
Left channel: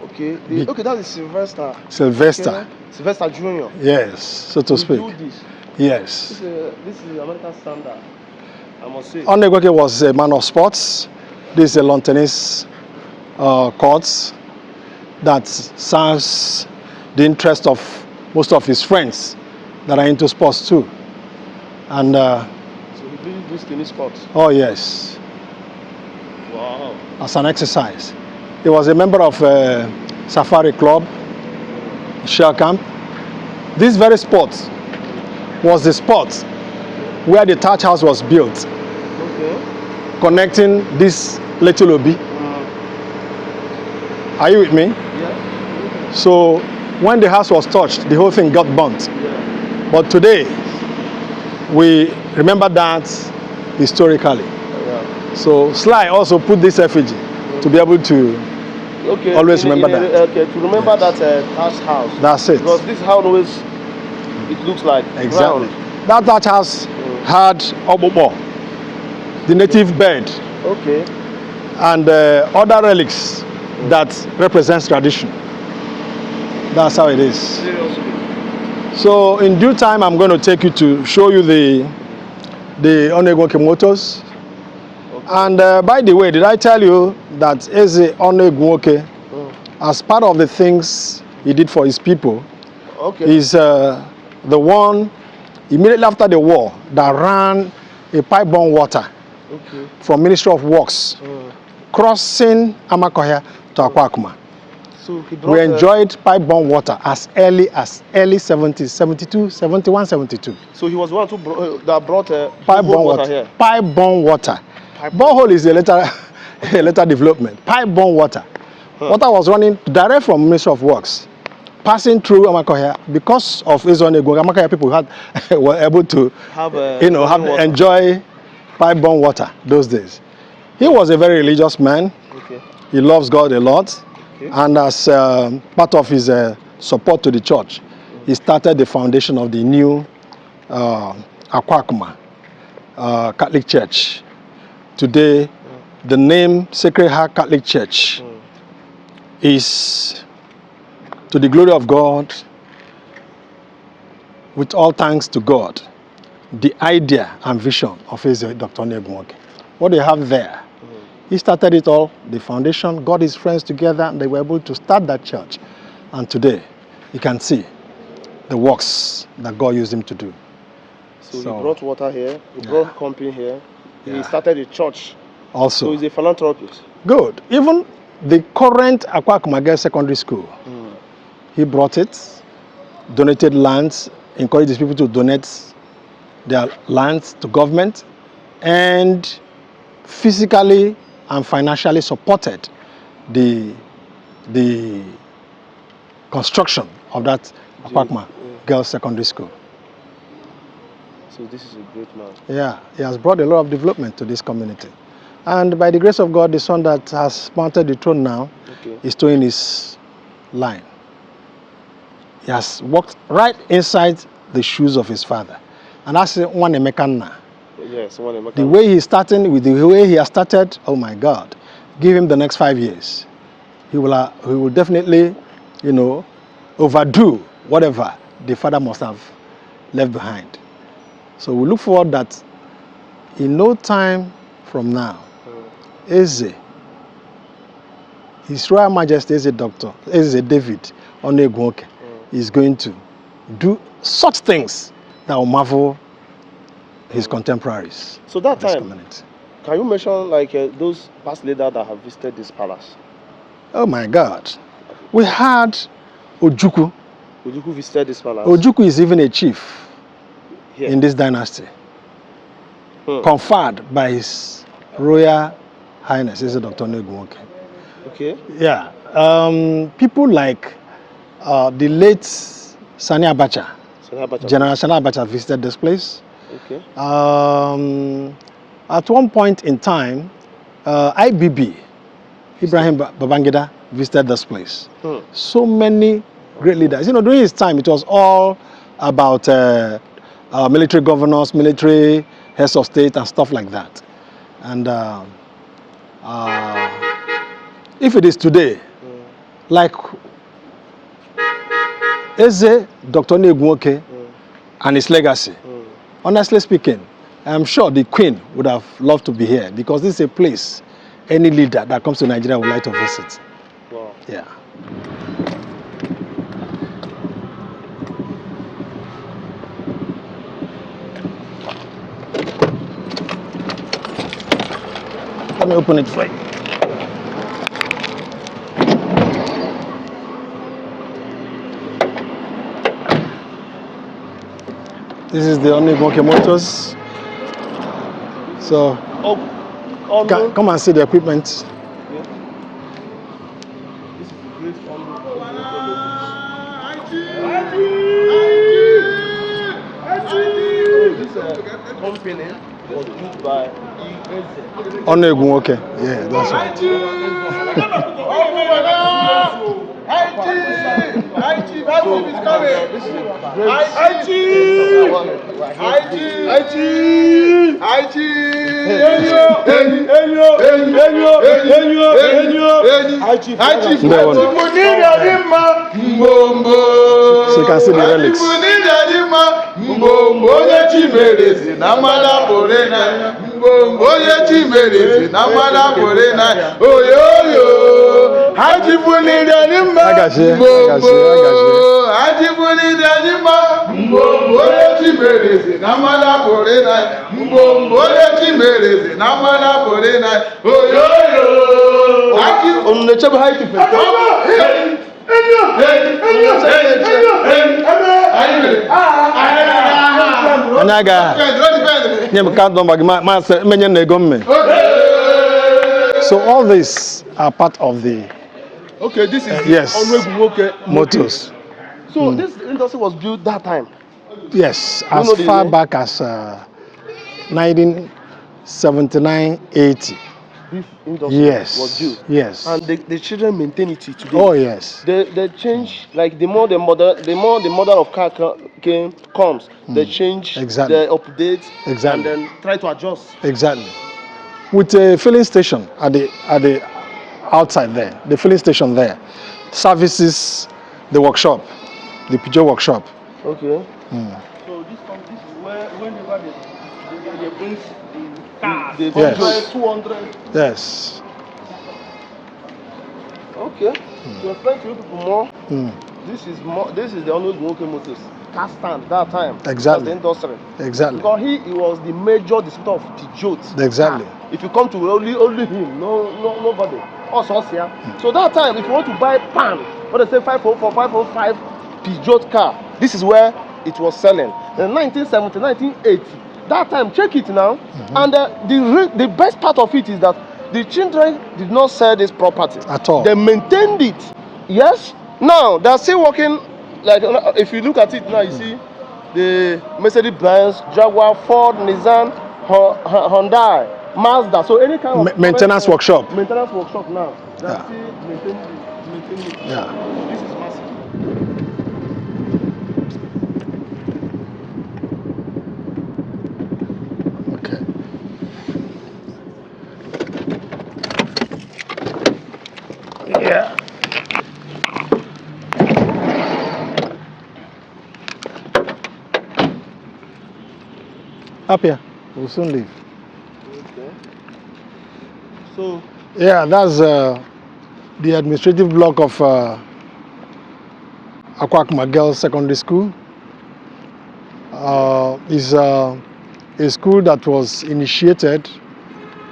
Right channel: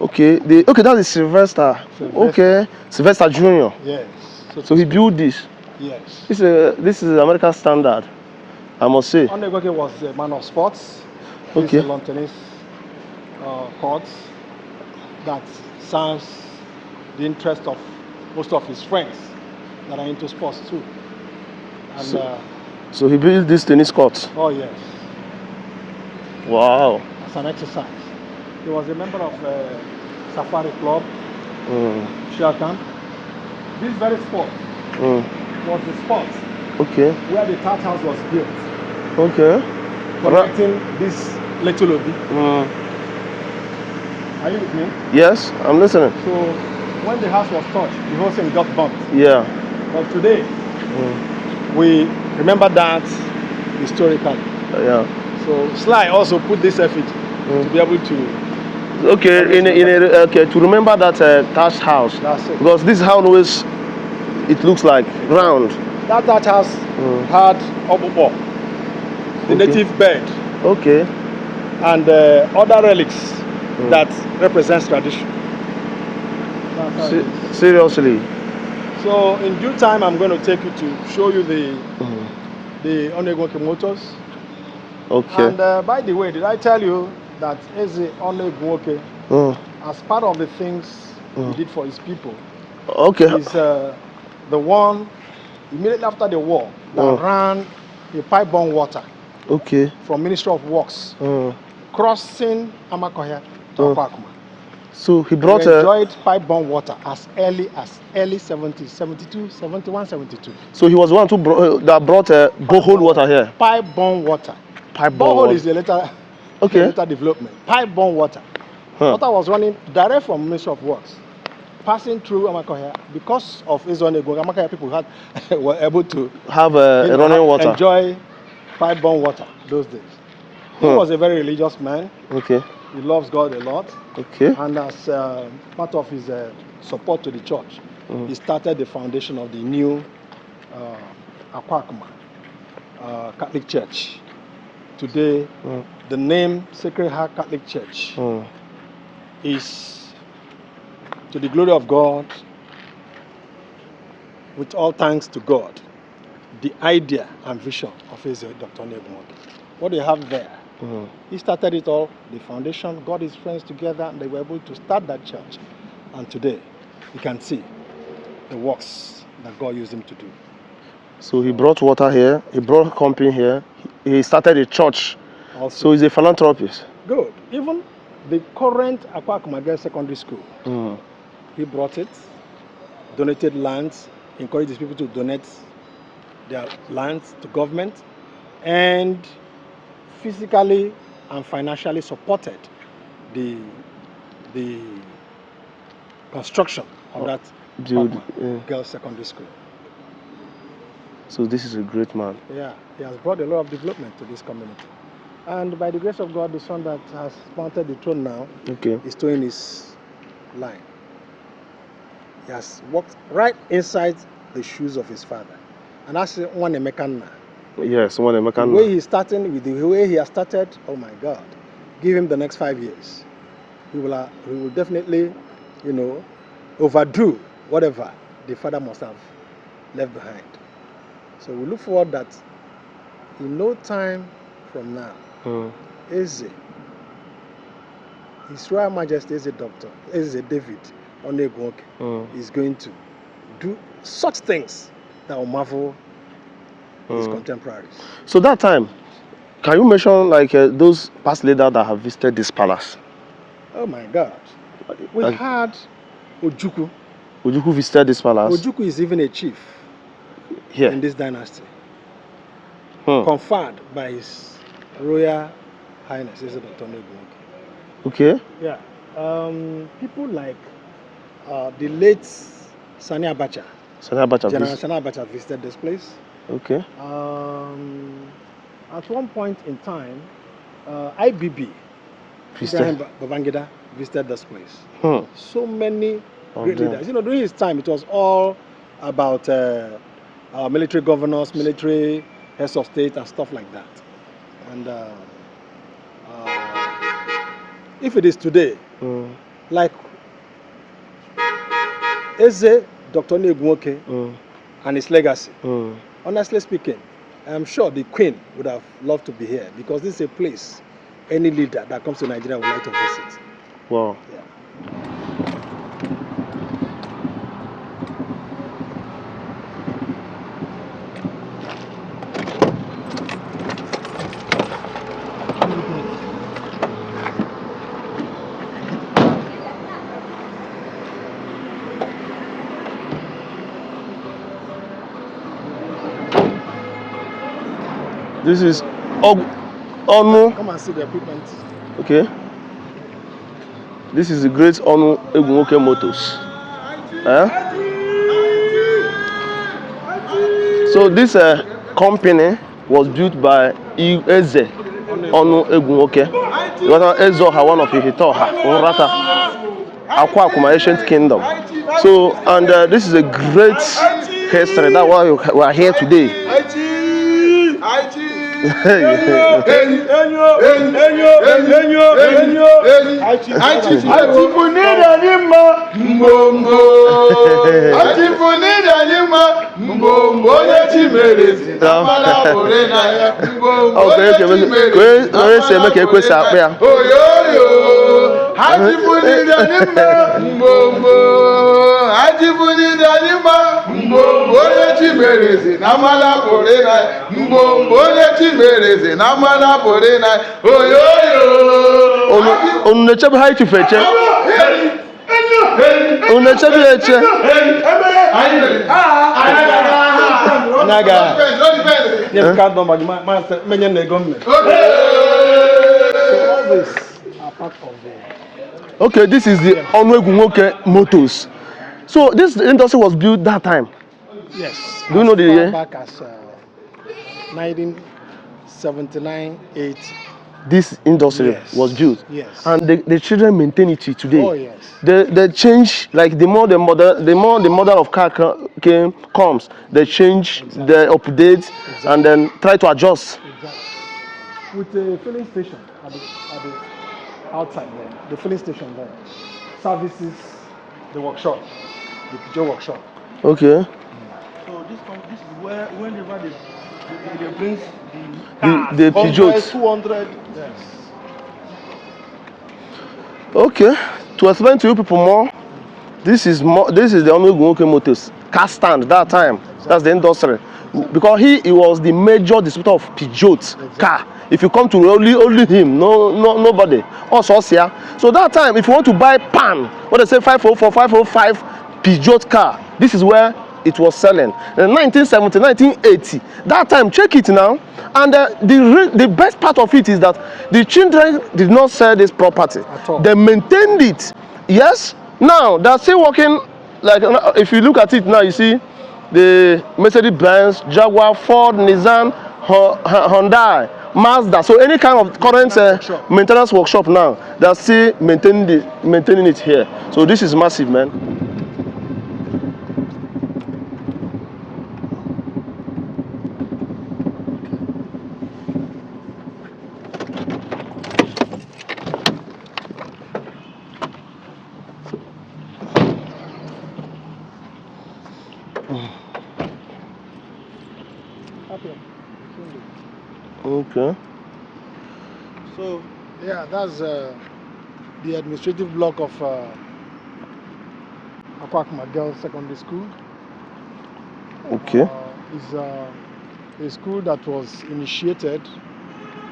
Okay, that is Sylvester. Okay. Sylvester Jr. Yes, so to speak. We built this. Yes. This is American standard, I must say. Onu Egwunwoke was a man of sports. This is a lawn tennis courts that serves the interest of most of his friends that are into sports too. And so he built this tennis court. Oh yes. Wow. As an exercise. He was a member of Safari Club, Share Camp. This very sport was the spot where the thatch house was built. Okay. Connecting this little obi. Are you with me? Yes, I'm listening. So when the house was touched, the whole thing got burnt. Yeah. But today, we remember that historically. Yeah. So Sly also put this effigy to be able to always remember that. Okay, to remember that thatched house. That's it. Because this house always, it looks like ground. That thatch house had obobo, the native bed. Okay. And other relics that represents tradition. That's how it is. Seriously. So in due time, I'm going to take you to show you the Onu Egwunwoke Motors. Okay. And by the way, did I tell you that Eze Onu Egwunwoke, as part of the things he did for his people, is the one immediately after the war that ran a pipe-borne water from Ministry of Works, crossing Amakohia to Akwuakuma. So he brought we enjoyed pipe-borne water as early 70s, 72, 71, 72. So he was the one that brought pipe-borne water here? Pipe-borne water. Borehole is a later development. Pipe-borne water. Water was running direct from Ministry of Works, passing through Amakohia. Because of Eze Onu Egwunwoke, Amakohia people were able to enjoy pipe-borne water those days. He was a very religious man. Okay. He loves God a lot. Okay. And as part of his support to the church, he started the foundation of the new Akwuakuma Catholic Church. Today, the name Sacred Heart Catholic Church is, to the glory of God, with all thanks to God, the idea and vision of His Dr. Onu Egwunwoke. What they have there, he started it all, the foundation, got his friends together, and they were able to start that church. And today, you can see the works that God used him to do. So he brought water here, he brought company here, he started a church. Also. So he's a philanthropist. Good. Even the current Akwuakuma Girls Secondary School, he brought it, donated lands, encouraged his people to donate their lands to government, and physically and financially supported the construction of that Akwuakuma Girls Secondary School. So this is a great man. Yeah, he has brought a lot of development to this community. And by the grace of God, the son that has mounted the throne now is towing his line. He has walked right inside the shoes of his father. And that's one Emeka. Yes, one Emeka. The way he's starting, with the way he has started, oh my God, give him the next 5 years. He will definitely, overdo whatever the father must have left behind. So we look forward that in no time from now, Eze, His Royal Majesty Eze David Onu Egwunwoke is going to do such things that will marvel his contemporaries. So that time, can you mention like those past leaders that have visited this palace? Oh my God. We had Ojukwu. Ojukwu visited this palace? Ojukwu is even a chief in this dynasty. Conferred by His Royal Highness, Eze Dr. Onu Egwunwoke. Okay. Yeah. People like the late Sani Abacha. General Sani Abacha visited this place. Okay. At one point in time, IBB, Ibrahim Babangida, visited this place. So many great leaders. During his time, it was all about military governors, military heads of state, and stuff like that. And if it is today, like Eze Dr. Onu Egwunwoke and his legacy, honestly speaking, I'm sure the Queen would have loved to be here, because this is a place any leader that comes to Nigeria would like to visit. Wow. Yeah. Let me open it for you. This is the Onu Egwunwoke Motors. This is So, Onu. come and see the equipment. Okay. This is the great Onu Egwunwoke Motors. So this company was built by Eze Onu Onu Egwunwoke. Egwunwoke. Yeah, that's right. Ezeoha, one of Ihitaoha, Uratta, Akwuakuma, ancient kingdom. So, and this is a great history. That's why we are here today. So you can see the relics. So all these are part of the Okay, this is the Onu Egwunwoke Motors. So this industry was built that time. Yes, Do you know as the far year? back as 1979-80. This industry Yes, was built. yes. And the children maintain it till today. Oh yes. They change, like the more the model of car comes, they change, Exactly. they update, Exactly. and then try to adjust. Exactly. With a filling station at the outside there, the filling station there, services the workshop, the Peugeot workshop. Okay. So this is where whenever they bring The Peugeot. 200. Yes. Okay. To explain to you people more, this is the Onu Egwunwoke Motors car stand that time. Exactly. That's the industry. Exactly. Because he was the major distributor of Peugeot Exactly. car. If you come to only him, nobody. Also here. So that time, if you want to buy pan, what they say 504, 505 Peugeot car, this is where it was selling. In 1970, 1980. That time, check it now. And the best part of it is that the children did not sell this property At all. They maintained it. Yes. Now they're still working. Like if you look at it now, you see the Mercedes-Benz, Jaguar, Ford, Nissan, Hyundai, Mazda. So any kind of Maintenance workshop. Maintenance workshop now. They're still maintaining it here. So this is massive, man. Okay. Yeah. Up here. We'll soon leave. Okay. So Yeah, that's the administrative block of Akwuakuma Girls Secondary School. Okay. Is a school that was initiated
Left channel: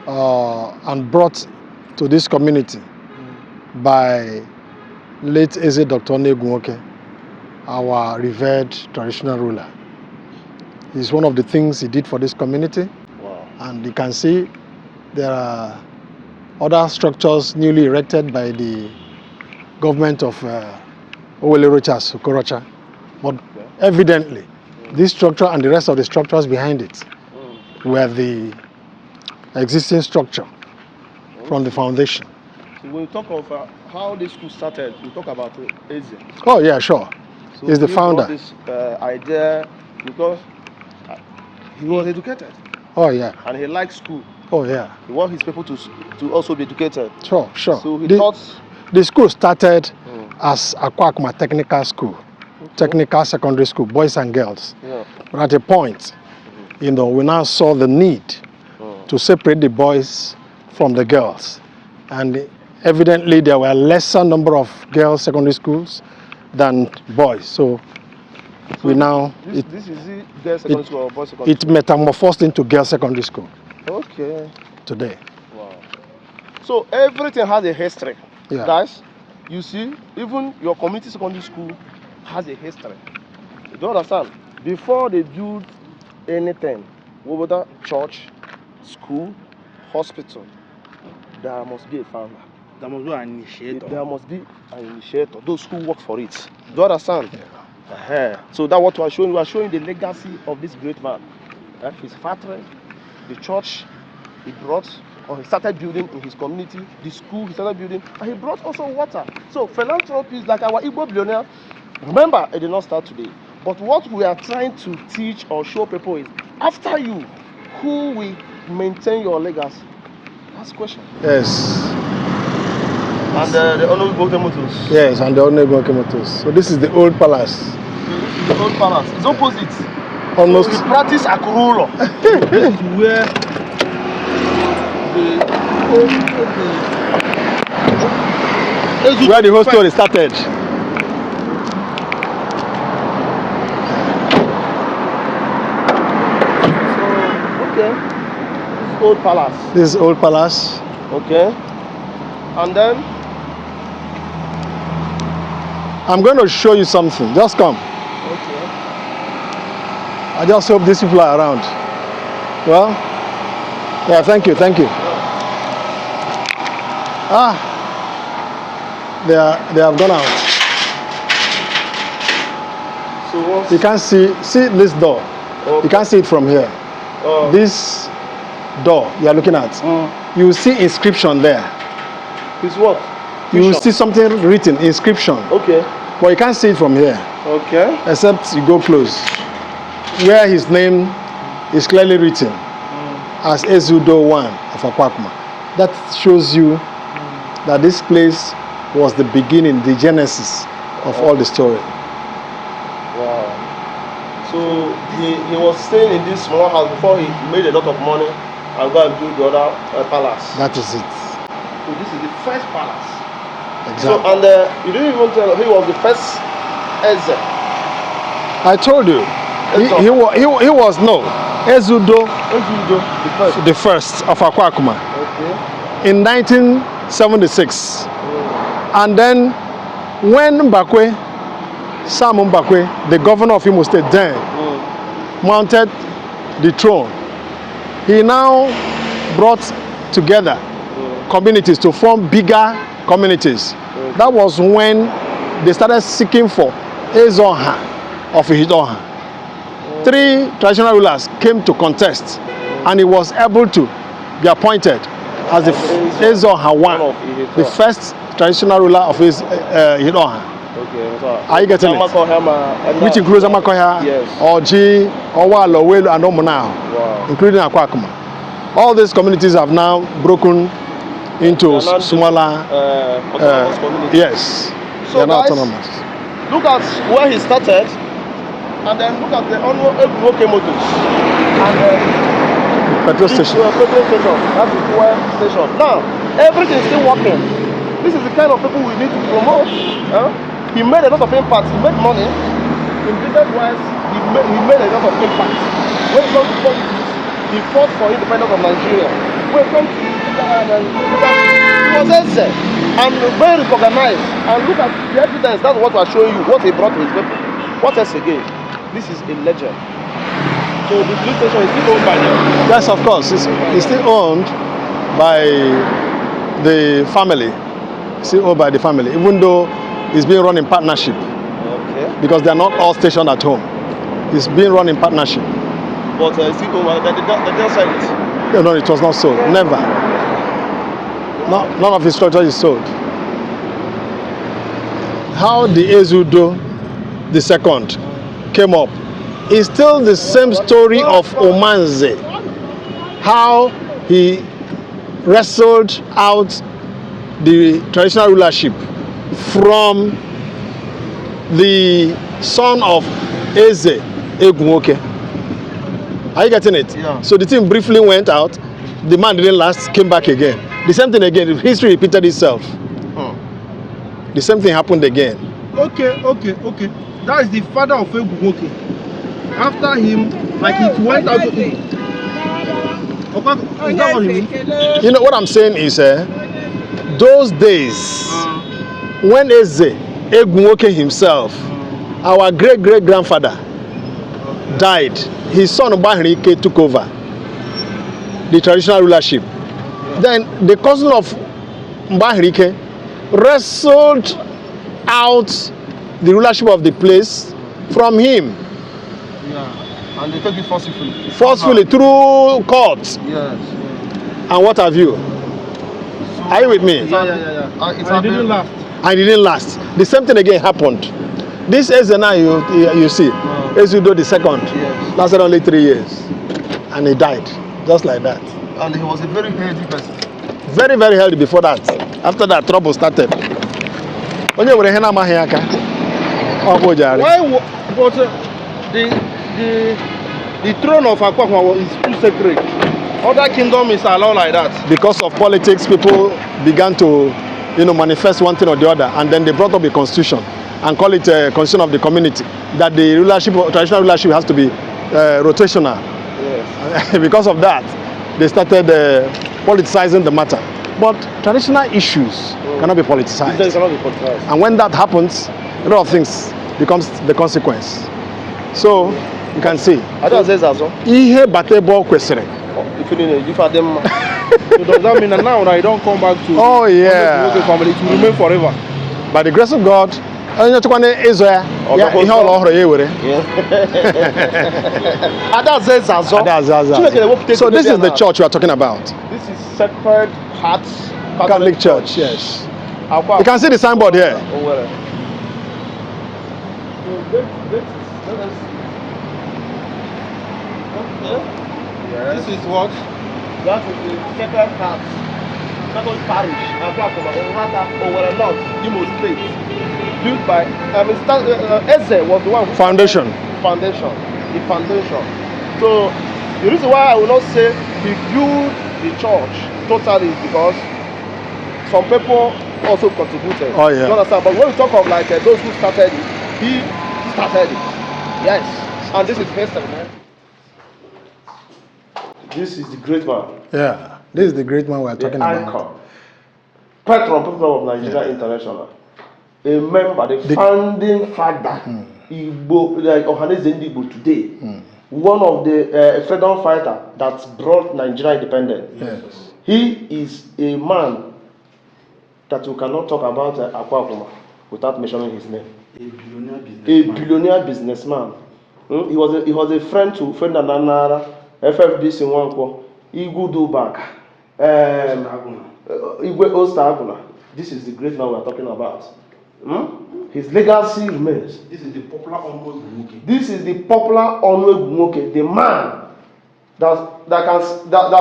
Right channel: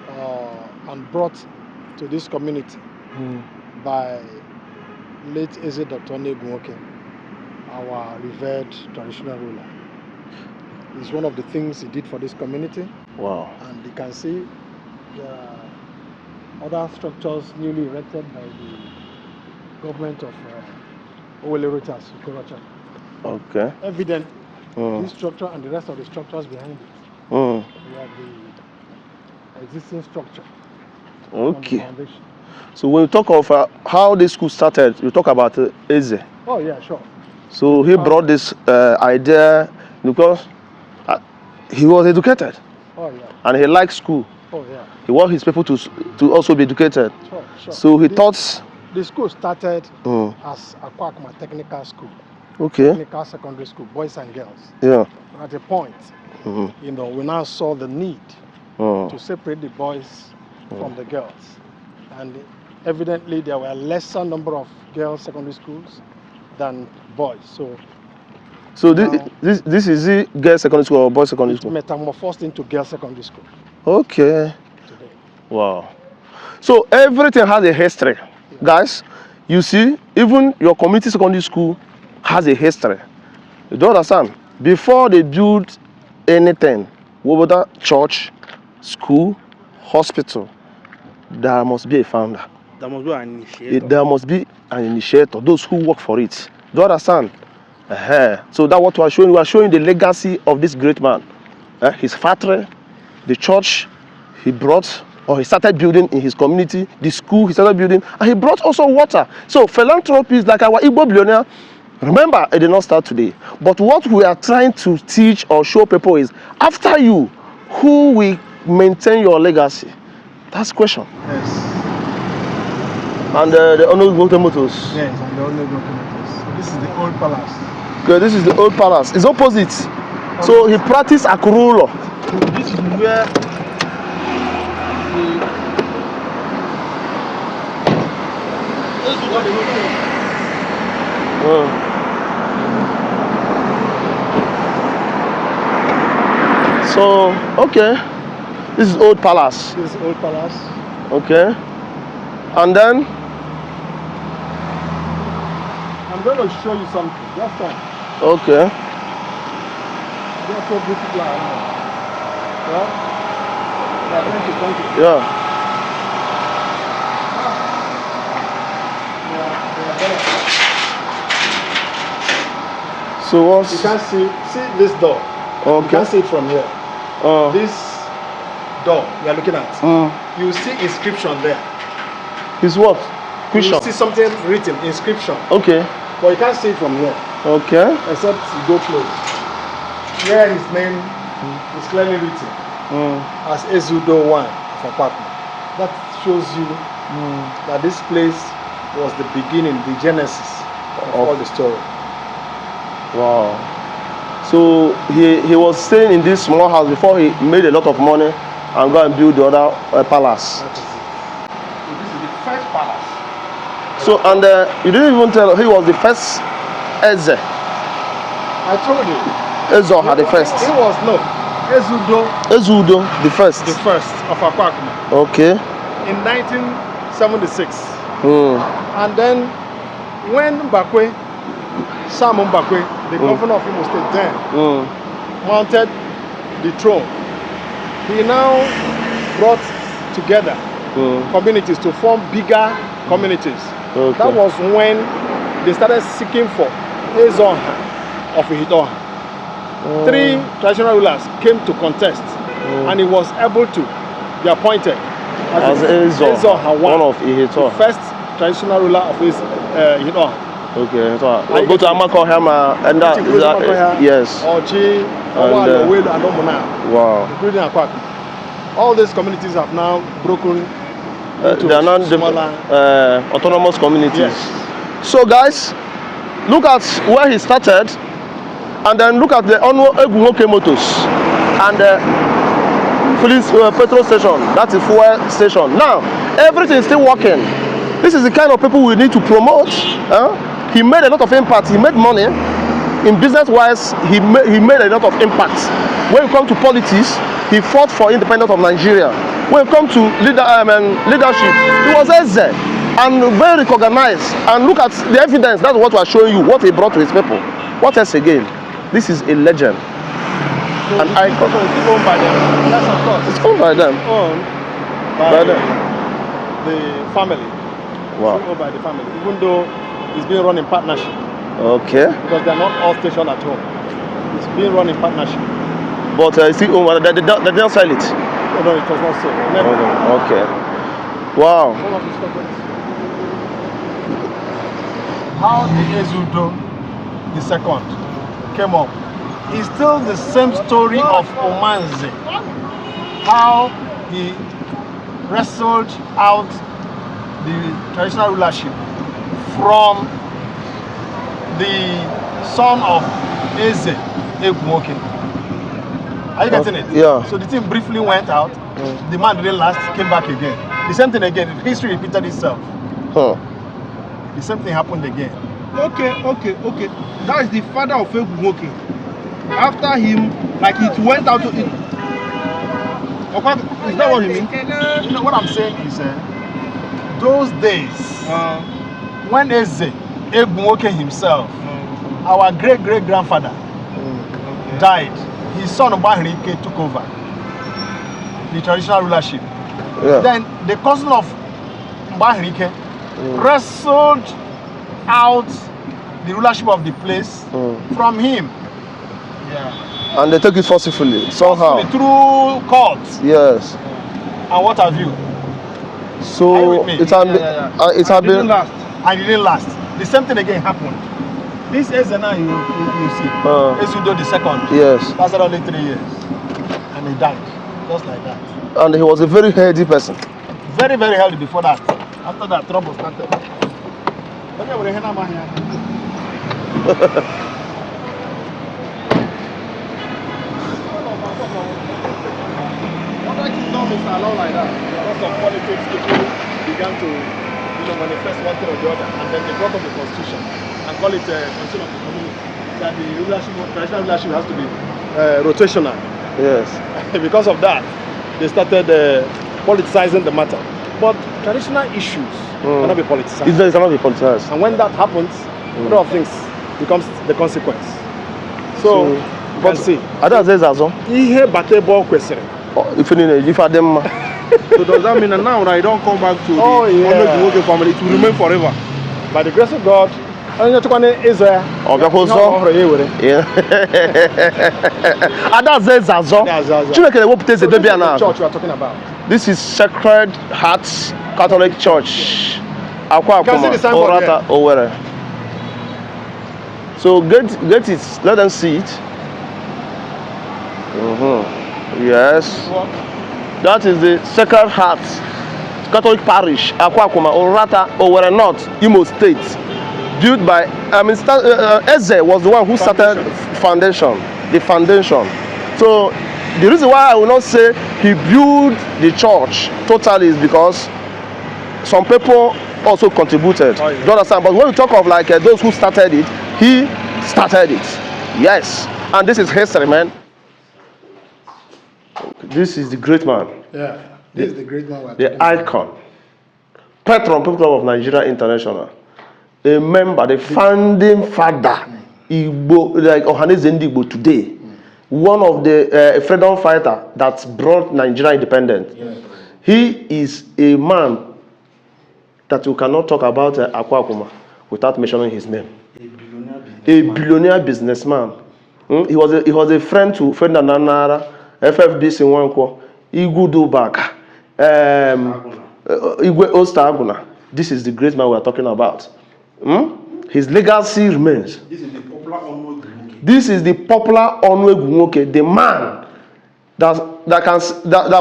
and brought to this community by late Eze Dr. Onu Egwunwoke, our revered traditional ruler. It's one of the things he did for this community. Wow. And you can see there are other structures newly erected by the government of Owerri. But Okay. evidently, this structure and the rest of the structures behind it were the existing structure from the foundation. So when you talk of how this school started, you talk about Eze. Oh yeah, sure. So He's the he founder. brought this idea because he was educated Oh yeah. and he liked school. Oh yeah. He wants his people to also be educated. Sure, sure. So he thought. The school started as Akwuakuma Technical School, Okay. Technical Secondary School, boys and girls. Yeah. But at a point, we now saw the need to separate the boys from the girls. And evidently there were lesser number of girls secondary schools than boys. So now this is the girls secondary school or boys secondary it school? metamorphosed into girls secondary school Okay. today. Wow. So everything has a history. Yeah. Guys, you see, even your community secondary school has a history. You don't understand? before they build anything, whether church, school, hospital, there must be a founder. There must be an initiator. There must be an initiator, those who work for it. Do you understand? So that's what we are showing. We are showing the legacy of this great man. His factory, the church he brought, or he started building in his community, the school he started building, and he brought also water. So philanthropy is like our Igbo billionaire. Remember, it did not start today. But what we are trying to teach or show people is, after you, who will maintain your legacy? That's the question. Yes. And the Onu Egwunwoke Motors. Yes, and the Onu Egwunwoke Motors. So this is the old palace. Okay, this is the old palace. It's opposite. Almost. So he practiced Akwuakwuma. This is where Where the whole story started. So, okay. This is old palace. This is old palace. Okay. And then I'm going to show you something. Just come. okay. I just hope these people are around. Well, yeah, thank you, thank you. Yeah. They have gone out. So what's You can't see this door. okay. You can't see it from here. This door you are looking at, you will see inscription there. Is what? You will see something written, inscription. Okay. But you can't see it from here, Okay. except you go close. Where his name is clearly written as Eze Onu of Akwuakuma. That shows you that this place was the beginning, the genesis of all the story. Wow. So he was staying in this small house before he made a lot of money and go and build the other palace. That is it. So this is the first palace. So and you didn't even tell he was the first Eze. I told you. Eze Onu the first. He was no. Eze Onu Eze Onu the first. the first of Akwuakuma Okay. in 1976. And then when Mbakwe, Sam Mbakwe, the governor of Imo State then, mounted the throne, he now brought together communities to form bigger communities. Okay. That was when they started seeking for Eze Onu of Ihitaoha. 3 traditional rulers came to contest, and he was able to be appointed as the Eze Onu one of the Ihitaoha. first traditional ruler of Ihitaoha. Okay. Are you getting it? Which includes Amakoya, Yes. Oji, Oha'l, Owerri, and Omuna, Wow. including Akwuakuma. All these communities have now broken into They are not smaller autonomous communities. Yes. So They are not guys, autonomous. look at where he started, and then look at the Onu Egwunwoke Motors and the Petrol station. petrol station. That's the fuel station. Now everything is still working. This is the kind of people we need to promote. He made a lot of impact. He made money in business-wise. He made a lot of impact. When it comes to politics, he fought for independence of Nigeria. When it comes to leadership, he was Eze and very recognized. And look at the evidence. That's what we are showing you. What he brought to his people. What else again? This is a legend. So the police station is still owned by them. Yes, of course. It's owned by them. still owned by the family. Wow. Still owned by the family, even though it's being run in partnership, Okay. because they are not all stationed at home. It's being run in partnership. But still owned. They didn't sell it. No, it was not sold. Never. Okay. Wow. None of the structure is sold. How the Eze Onu the second came up is still the same story of Omanze. How he wrestled out the traditional rulership from the son of Eze Egwunwoke. Are you getting it? Yeah. So the thing briefly went out. The man didn't last, came back again. The same thing again. History repeated itself. Huh. The same thing happened again. Okay. That is the father of Egwunwoke. After him, like it went out to it. Okay, is that what you mean? You know what I'm saying is, those days when Eze Egwunwoke himself, our great-great-grandfather, died, his son Bahirike took over the traditional rulership. Yeah. Then the cousin of Bahirike wrestled out the rulership of the place from him. Yeah. And they take it forcefully. Forcefully through courts Yes. and what have you. So Are you with me? It Didn't last. And it didn't last. The same thing again happened. This Eze now you see, Ezudo the second, Yes. lasted only 3 years. And he died, just like that. And he was a very healthy person. Very, very healthy before that. After that, trouble started. Onye were ihe na-amaghị aka. Ọ bụ jara. Why? But the throne of Akwuakuma is too sacred. Other kingdom is allowed like that. Because of politics, people began to, manifest one thing or the other, and then they brought up a constitution and call it a constitution of the community. That the rulership, traditional rulership, has to be rotational. Yes. Because of that, they started politicizing the matter. But traditional issues cannot be politicized. It cannot be politicized. And when that happens, a lot of things becomes the consequence. So you can see. Ada says azo. Ihe batebo kwesịrị. If I them. So does that mean that now that I don't come back to Oh, yeah. the family, it will remain forever? By the grace of God, onye chukwane ezo ya. Ihe ọrụ ọhụrụ ya ewere. Ada says azo. So this is the church we are talking about. This is Sacred Heart Catholic Church. Yes. Akwuakuma, You can see the signboard Uratta, here. Owerri. So get it. Let them see it. Yes. What? That is the Sacred Heart Catholic Parish, Akwuakuma, Uratta, Owerri North, Imo State. Built by, Eze was the one who started the foundation. So the reason why I will not say he built the church totally is because some people also contributed. Oh, yeah. You understand? But when we talk of like those who started it, he started it. Yes. And this is history, man. This is the great man. Yeah. This is the great man we are talking The about. icon. Patron People Club of Nigeria International. A member, the founding father, Igbo, like Oha'l Igbo today. One of the freedom fighter that brought Nigeria independence. Yes. He is a man that you cannot talk about Akwuakuma without mentioning his name. A billionaire businessman. He was a friend to Ferdinand Nanara, FFBC Nwankwo, Igudu Baka, Igwe Osta. This is the great man we are talking about. His legacy remains. This is the popular Onu Egwunwoke. This is the popular Onu Egwunwoke, the man that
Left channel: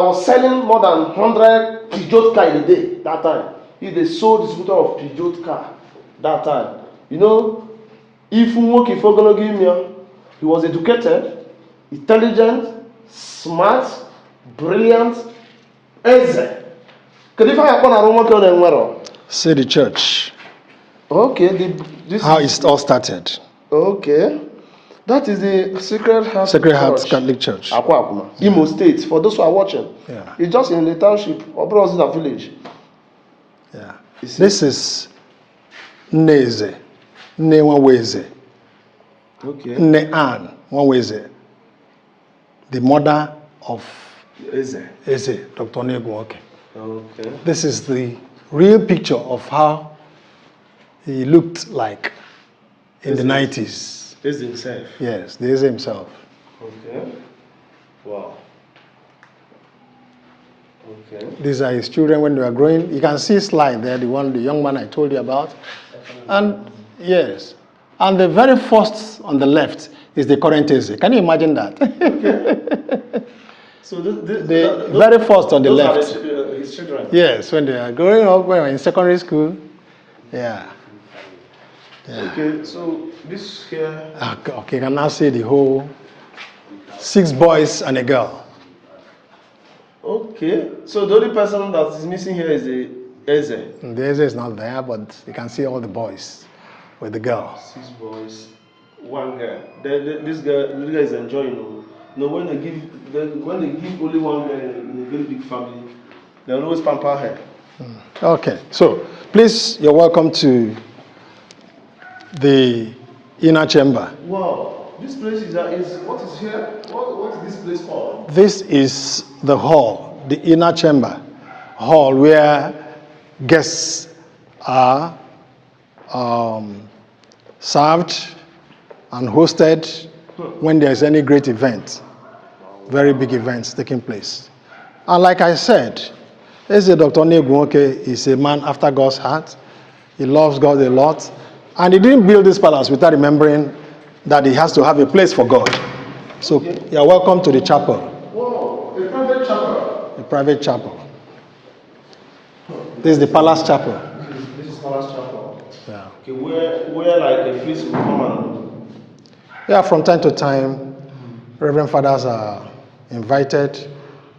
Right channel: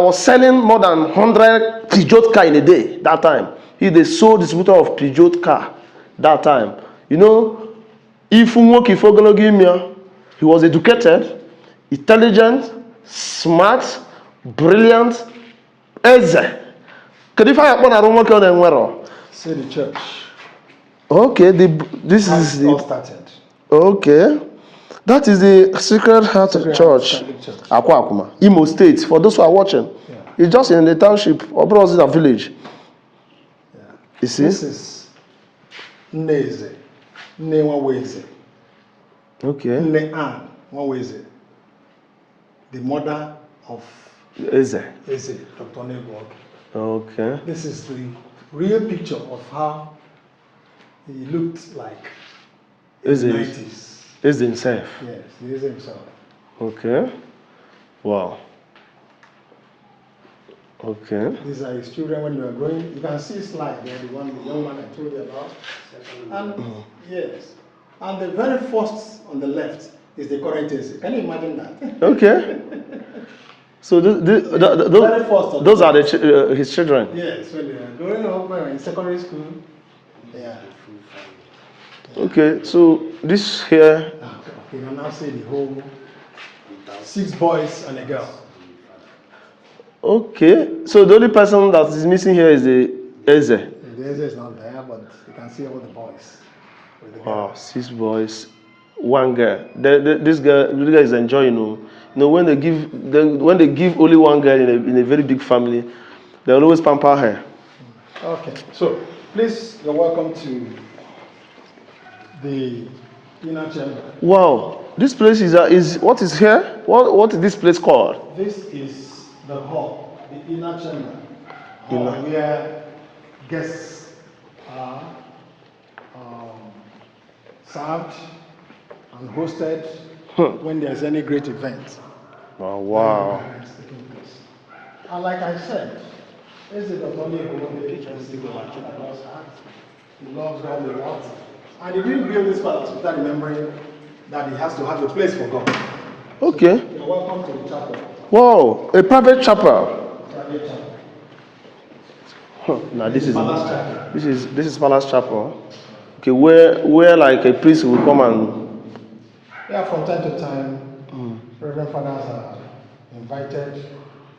was selling more than 100 Peugeot car in a day that time. He's the sole distributor of Peugeot car that time. Egwunwoke Ifogologimia, he was educated, intelligent, smart, brilliant. Eze. See the church. Okay, this How is it all started. Okay, that is the Sacred Heart Catholic Church. Akwuakuma, Imo State. For those who are watching, it's just in the township or Brozida village. Yeah. You see? This is Eze Onu. Okay. M.O.N, the mother of Eze. Dr. Onu Egwunwoke. Okay. This is the real picture of how he looked like in the 90s. Eze himself. Yes, the Eze himself. Okay. Wow. Okay. These are his children when they were growing. You can see slide there, the young man I told you about. And yes, and the very first on the left is the current Eze. Can you imagine that? Okay. So the very first on the those left. are his children. Yes, when they are growing up, when they were in secondary school. Yeah. Okay, so this here. Okay, you can now see the whole 6 boys and a girl. Okay, so the only person that is missing here is the Eze. The Eze is not there, but you can see all the boys with the girls. 6 boys, 1 girl. This guy is enjoying. When they give only 1 girl in a very big family, they always pamper her. Okay, so Please, you're welcome to the inner chamber. Wow. This place is what is here? What is this place called? This is the hall, the inner chamber hall where guests are served and hosted when there's any great event, very big events taking place. And like I said, Dr. Onu Egwunwoke is a man after God's heart. He loves God a lot. And he didn't build this palace without remembering that he has to have a place for God. So you're welcome to the chapel. Wow, a private chapel. A private chapel. No, this is the palace chapel. This is palace chapel. Yeah. Okay, where like a priest will come and. Yeah, from time to time, Reverend Fathers are invited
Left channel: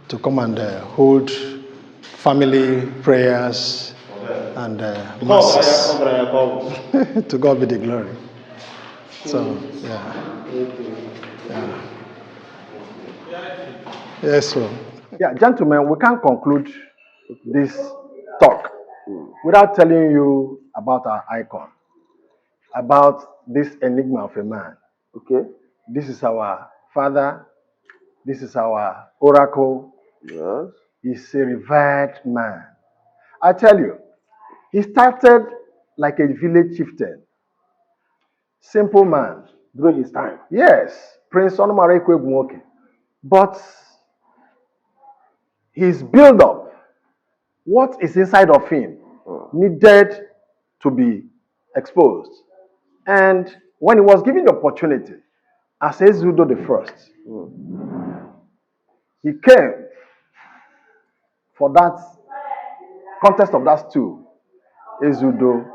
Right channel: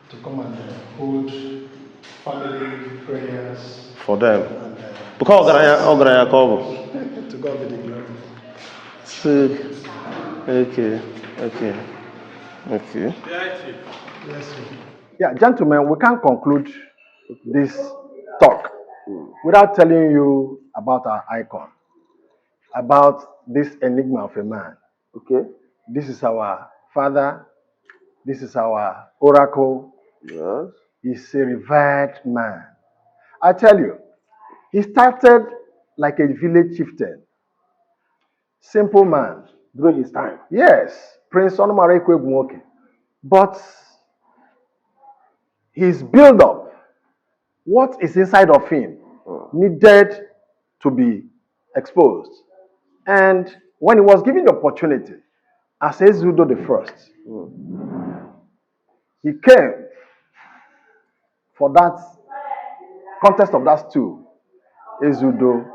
to come and hold family prayers for them. And to God be the glory. So, yeah. Okay. Yes, so. Yeah, gentlemen, we can't conclude this talk without telling you about our icon, about this enigma of a man. Okay. This is our father. This is our oracle. Yes. He's a revered man. I tell you, he started like a village chieftain. Simple man. During his time. Yes, Prince Onu Egwunwoke. But his build-up, what is inside of him, needed to be exposed. And when he was given the opportunity, as Eze Udo the First, he came for that contest of that stool, Eze Udo,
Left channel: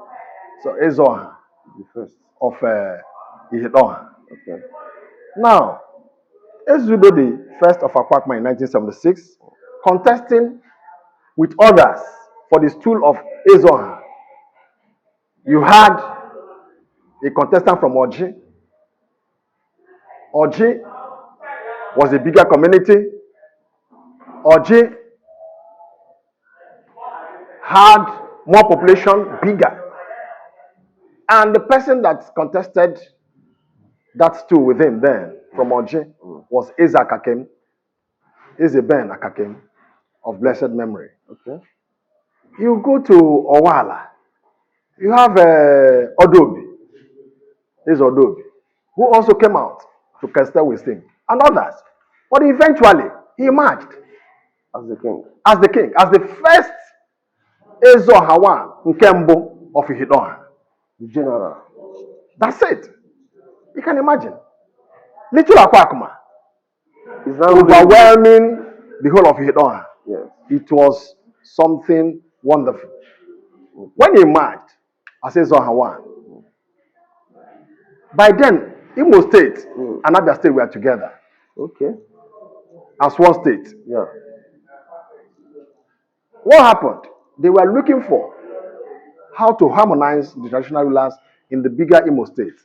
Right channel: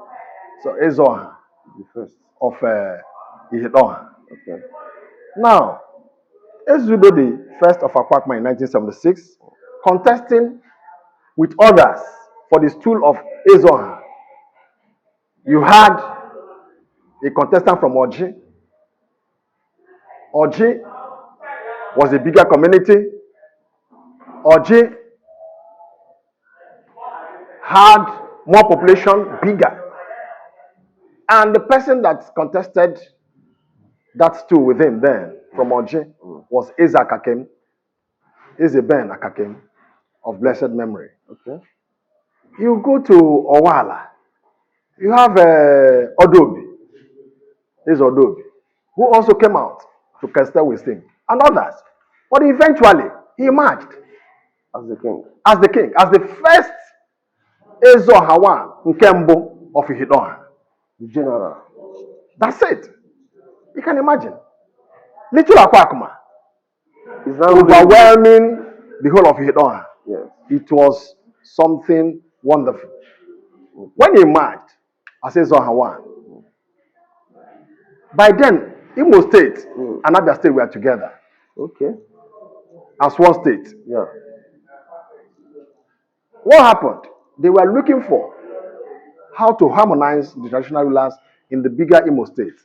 so Ihitaoha, the first of Ihitaoha. Okay. Now, Eze Udo the First of Akwuakuma in 1976, contesting with others for the stool of Ihitaoha. You had a contestant from Oji. Oji was a bigger community. Oji had more population, bigger. And the person that contested that stool with him then, from Oji, was Eze Akakem, Eze Ben Akakem, of blessed memory. Okay. You go to Oha'l, you have Odobi, Eze Odobi, who also came out to contest with him, and others. But eventually, he emerged as the king. As the king, as the first Ezeoha Nkembo of Ihitaoha. The general. That's it. You can imagine. Little Akwuakuma is now overwhelming the whole of Ihitaoha. Yes. It was something wonderful. When he emerged as Ezeoha, by then, Imo State and Abia State were together. Okay. As one state. Yeah. What happened? They were looking for how to harmonize the traditional rulers in the bigger Imo State.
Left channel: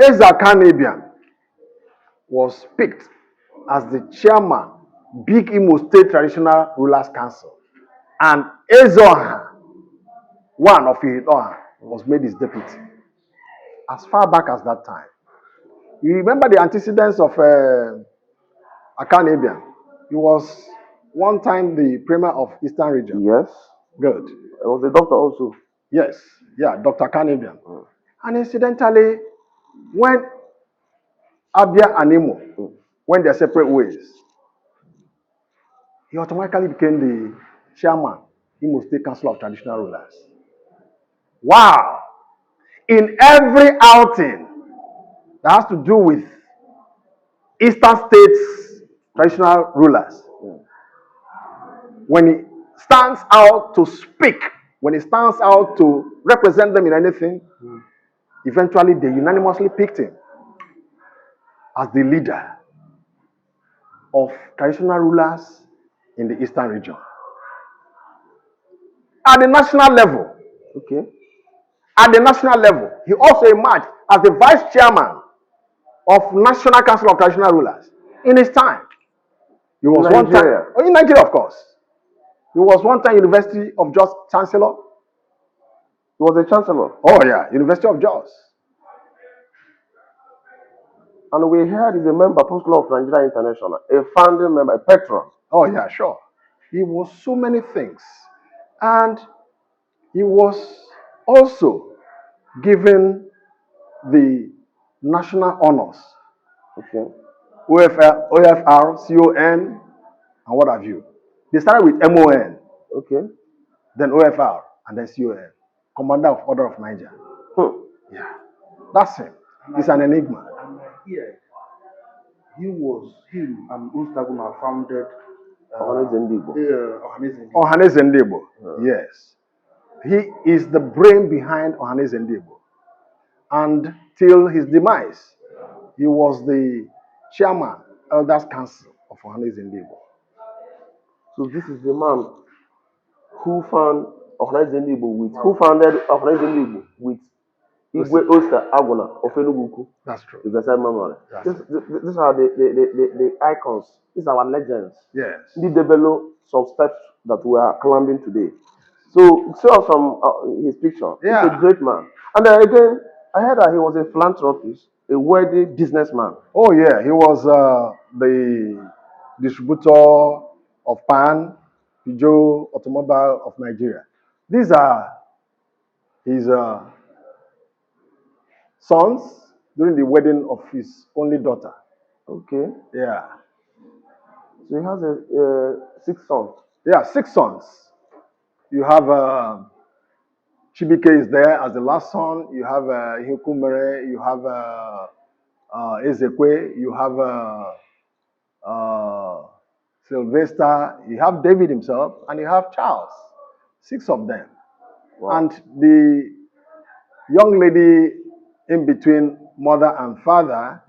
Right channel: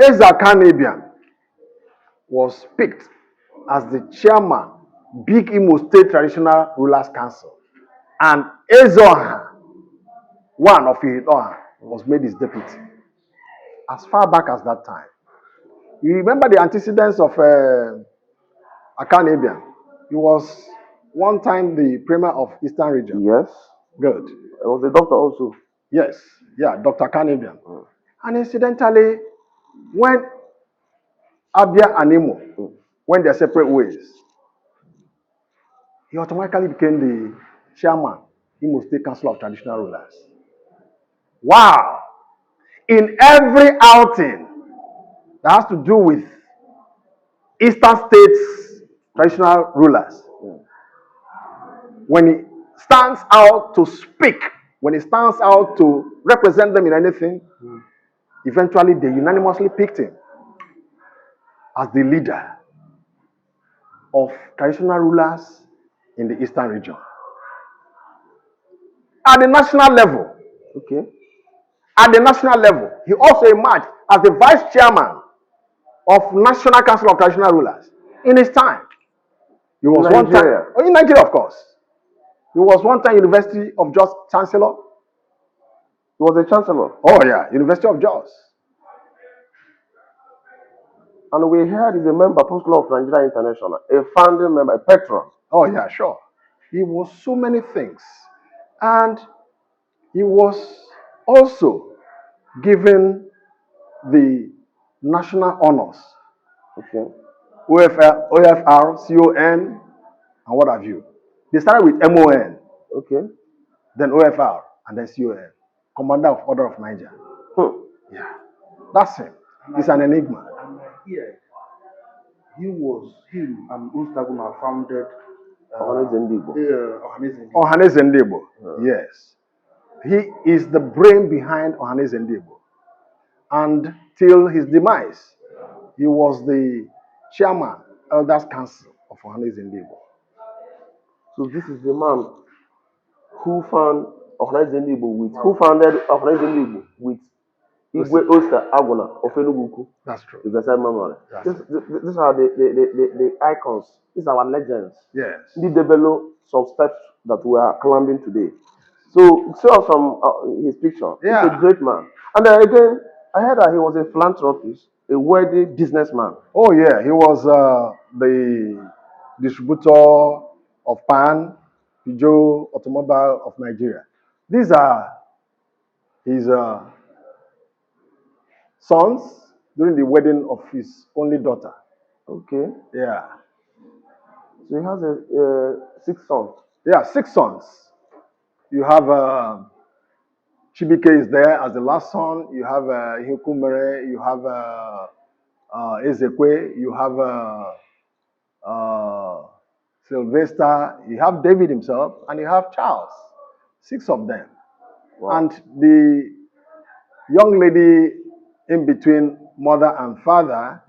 Eze Akanebian was picked as the chairman, Big Imo State Traditional Rulers Council. And Ezeoha, one of Ihitaoha, was made his deputy. As far back as that time. You remember the antecedents of Akanebian? He was one time the premier of Eastern Region. Yes. Good. I was a doctor also. Yes. Yeah, Dr. Akanebian. And incidentally, when Abia and Imo went their separate ways, he automatically became the chairman, Imo State Council of Traditional Rulers. Wow! In every outing that has to do with Eastern States traditional rulers, when he stands out to speak, when he stands out to represent them in anything, eventually they unanimously picked him as the leader of traditional rulers in the Eastern region. At the national level, he also emerged as the vice chairman of National Council of Traditional Rulers in his time. He was one time in Nigeria, of course. He was one time University of Jos Chancellor. He was a chancellor. Oh yeah, University of Jos. And we heard he's a member, Post Club of Nigeria International, a founding member, a patron. Oh, yeah, sure. He was so many things. And he was also given the national honors. Okay. OFR, CON, and what have you. They started with M.O.N, Okay. then OFR, and then CON. Commander of Order of Niger. Yeah. That's him. He's an enigma. And here, him and Onu Egwunwoke founded Oha'l Eze Onu-Egwunwoke. Yes. He is the brain behind Oha'l Eze Onu-Egwunwoke. And till his demise, he was the chairman, Elders Council of Oha'l Eze Onu-Egwunwoke. So this is the man who founded Oha'l Eze Onu-Egwunwoke with Igwe Oster Aguna of Enugu. That's true. You can say memory. These are the icons. These are our legends. Yes. They develop some steps that we are climbing today. So show us some his picture. Yeah. He's a great man. And then again, I heard that he was a philanthropist, a wealthy businessman. Oh yeah, he was the distributor of pan, Peugeot Automobile of Nigeria. These are his sons during the wedding of his only daughter. Okay. Yeah. So he has a 6 sons. Yeah, 6 sons. You have Chibike is there as the last son. You have Ihitaoha. You have Ezekwe. You have Sylvester. You have David himself, and you have Charles. 6 of them. Wow. And the young lady in between mother and father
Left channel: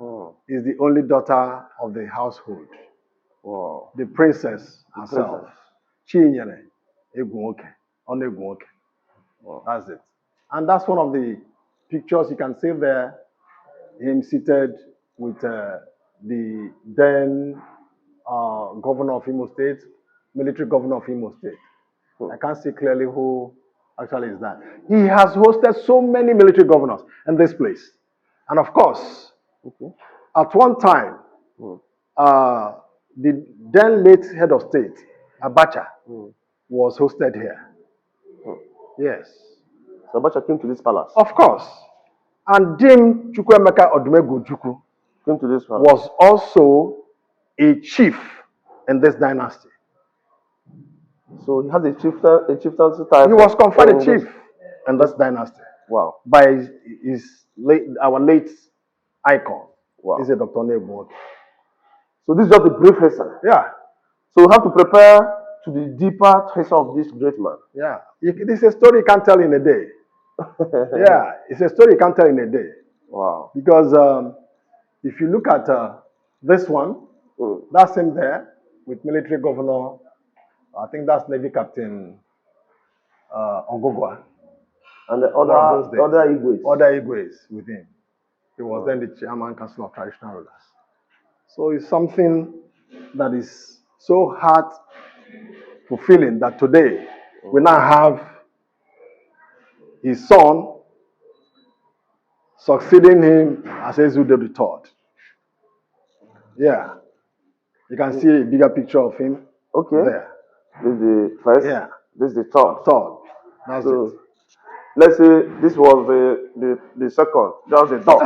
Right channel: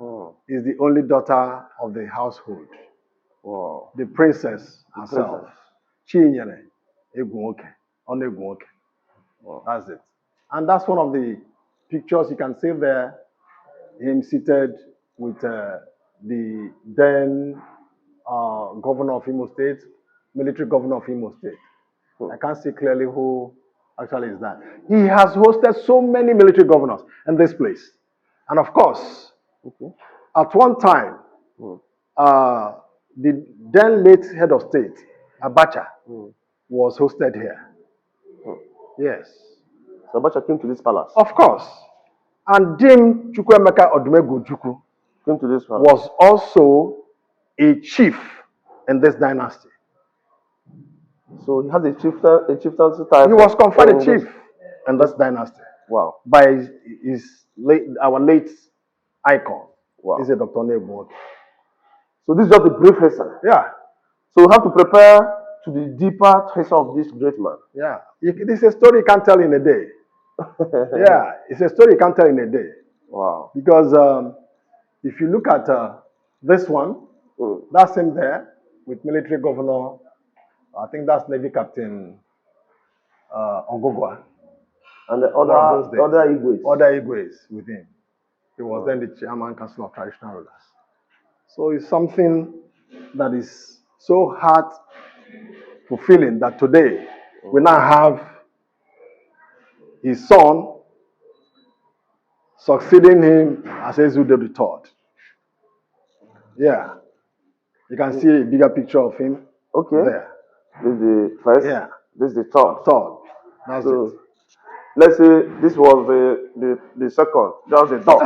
is the only daughter of the household. Wow. The princess herself. Chinyere Egwunwoke, Onu Egwunwoke. Wow. That's it. And that's one of the pictures you can see there. Him seated with the then governor of Imo State, military governor of Imo State. I can't see clearly who actually is that. He has hosted so many military governors in this place. And of course, at one time, the then late head of state, Abacha, was hosted here. Yes. So Abacha came to this palace. Of course. And Dim Chukwuemeka Odumegwu Chukwu Came to this palace. was also a chief in this dynasty. So he has a chieftaincy title. He was conferred a chief in this dynasty. Wow. By our late icon. Wow. Is Dr. Onu Egwunwoke. So this is just the brief history. Yeah. So we have to prepare to the deeper history of this great man. Yeah. It's a story you can't tell in a day. Yeah. It's a story you can't tell in a day. Wow. Because if you look at this one, that's him there with military governor. I think that's Navy Captain Ogogwa. And the other Igwes. Other Igwes with him. He was then the chairman council of traditional rulers. So it's something that is so heart fulfilling that today we now have his son succeeding him as Ezude III. Yeah. You can see a bigger picture of him. Okay. There. This is the first. Yeah. This is the third. Third. That's So, it. let's say this was the second. Just the third.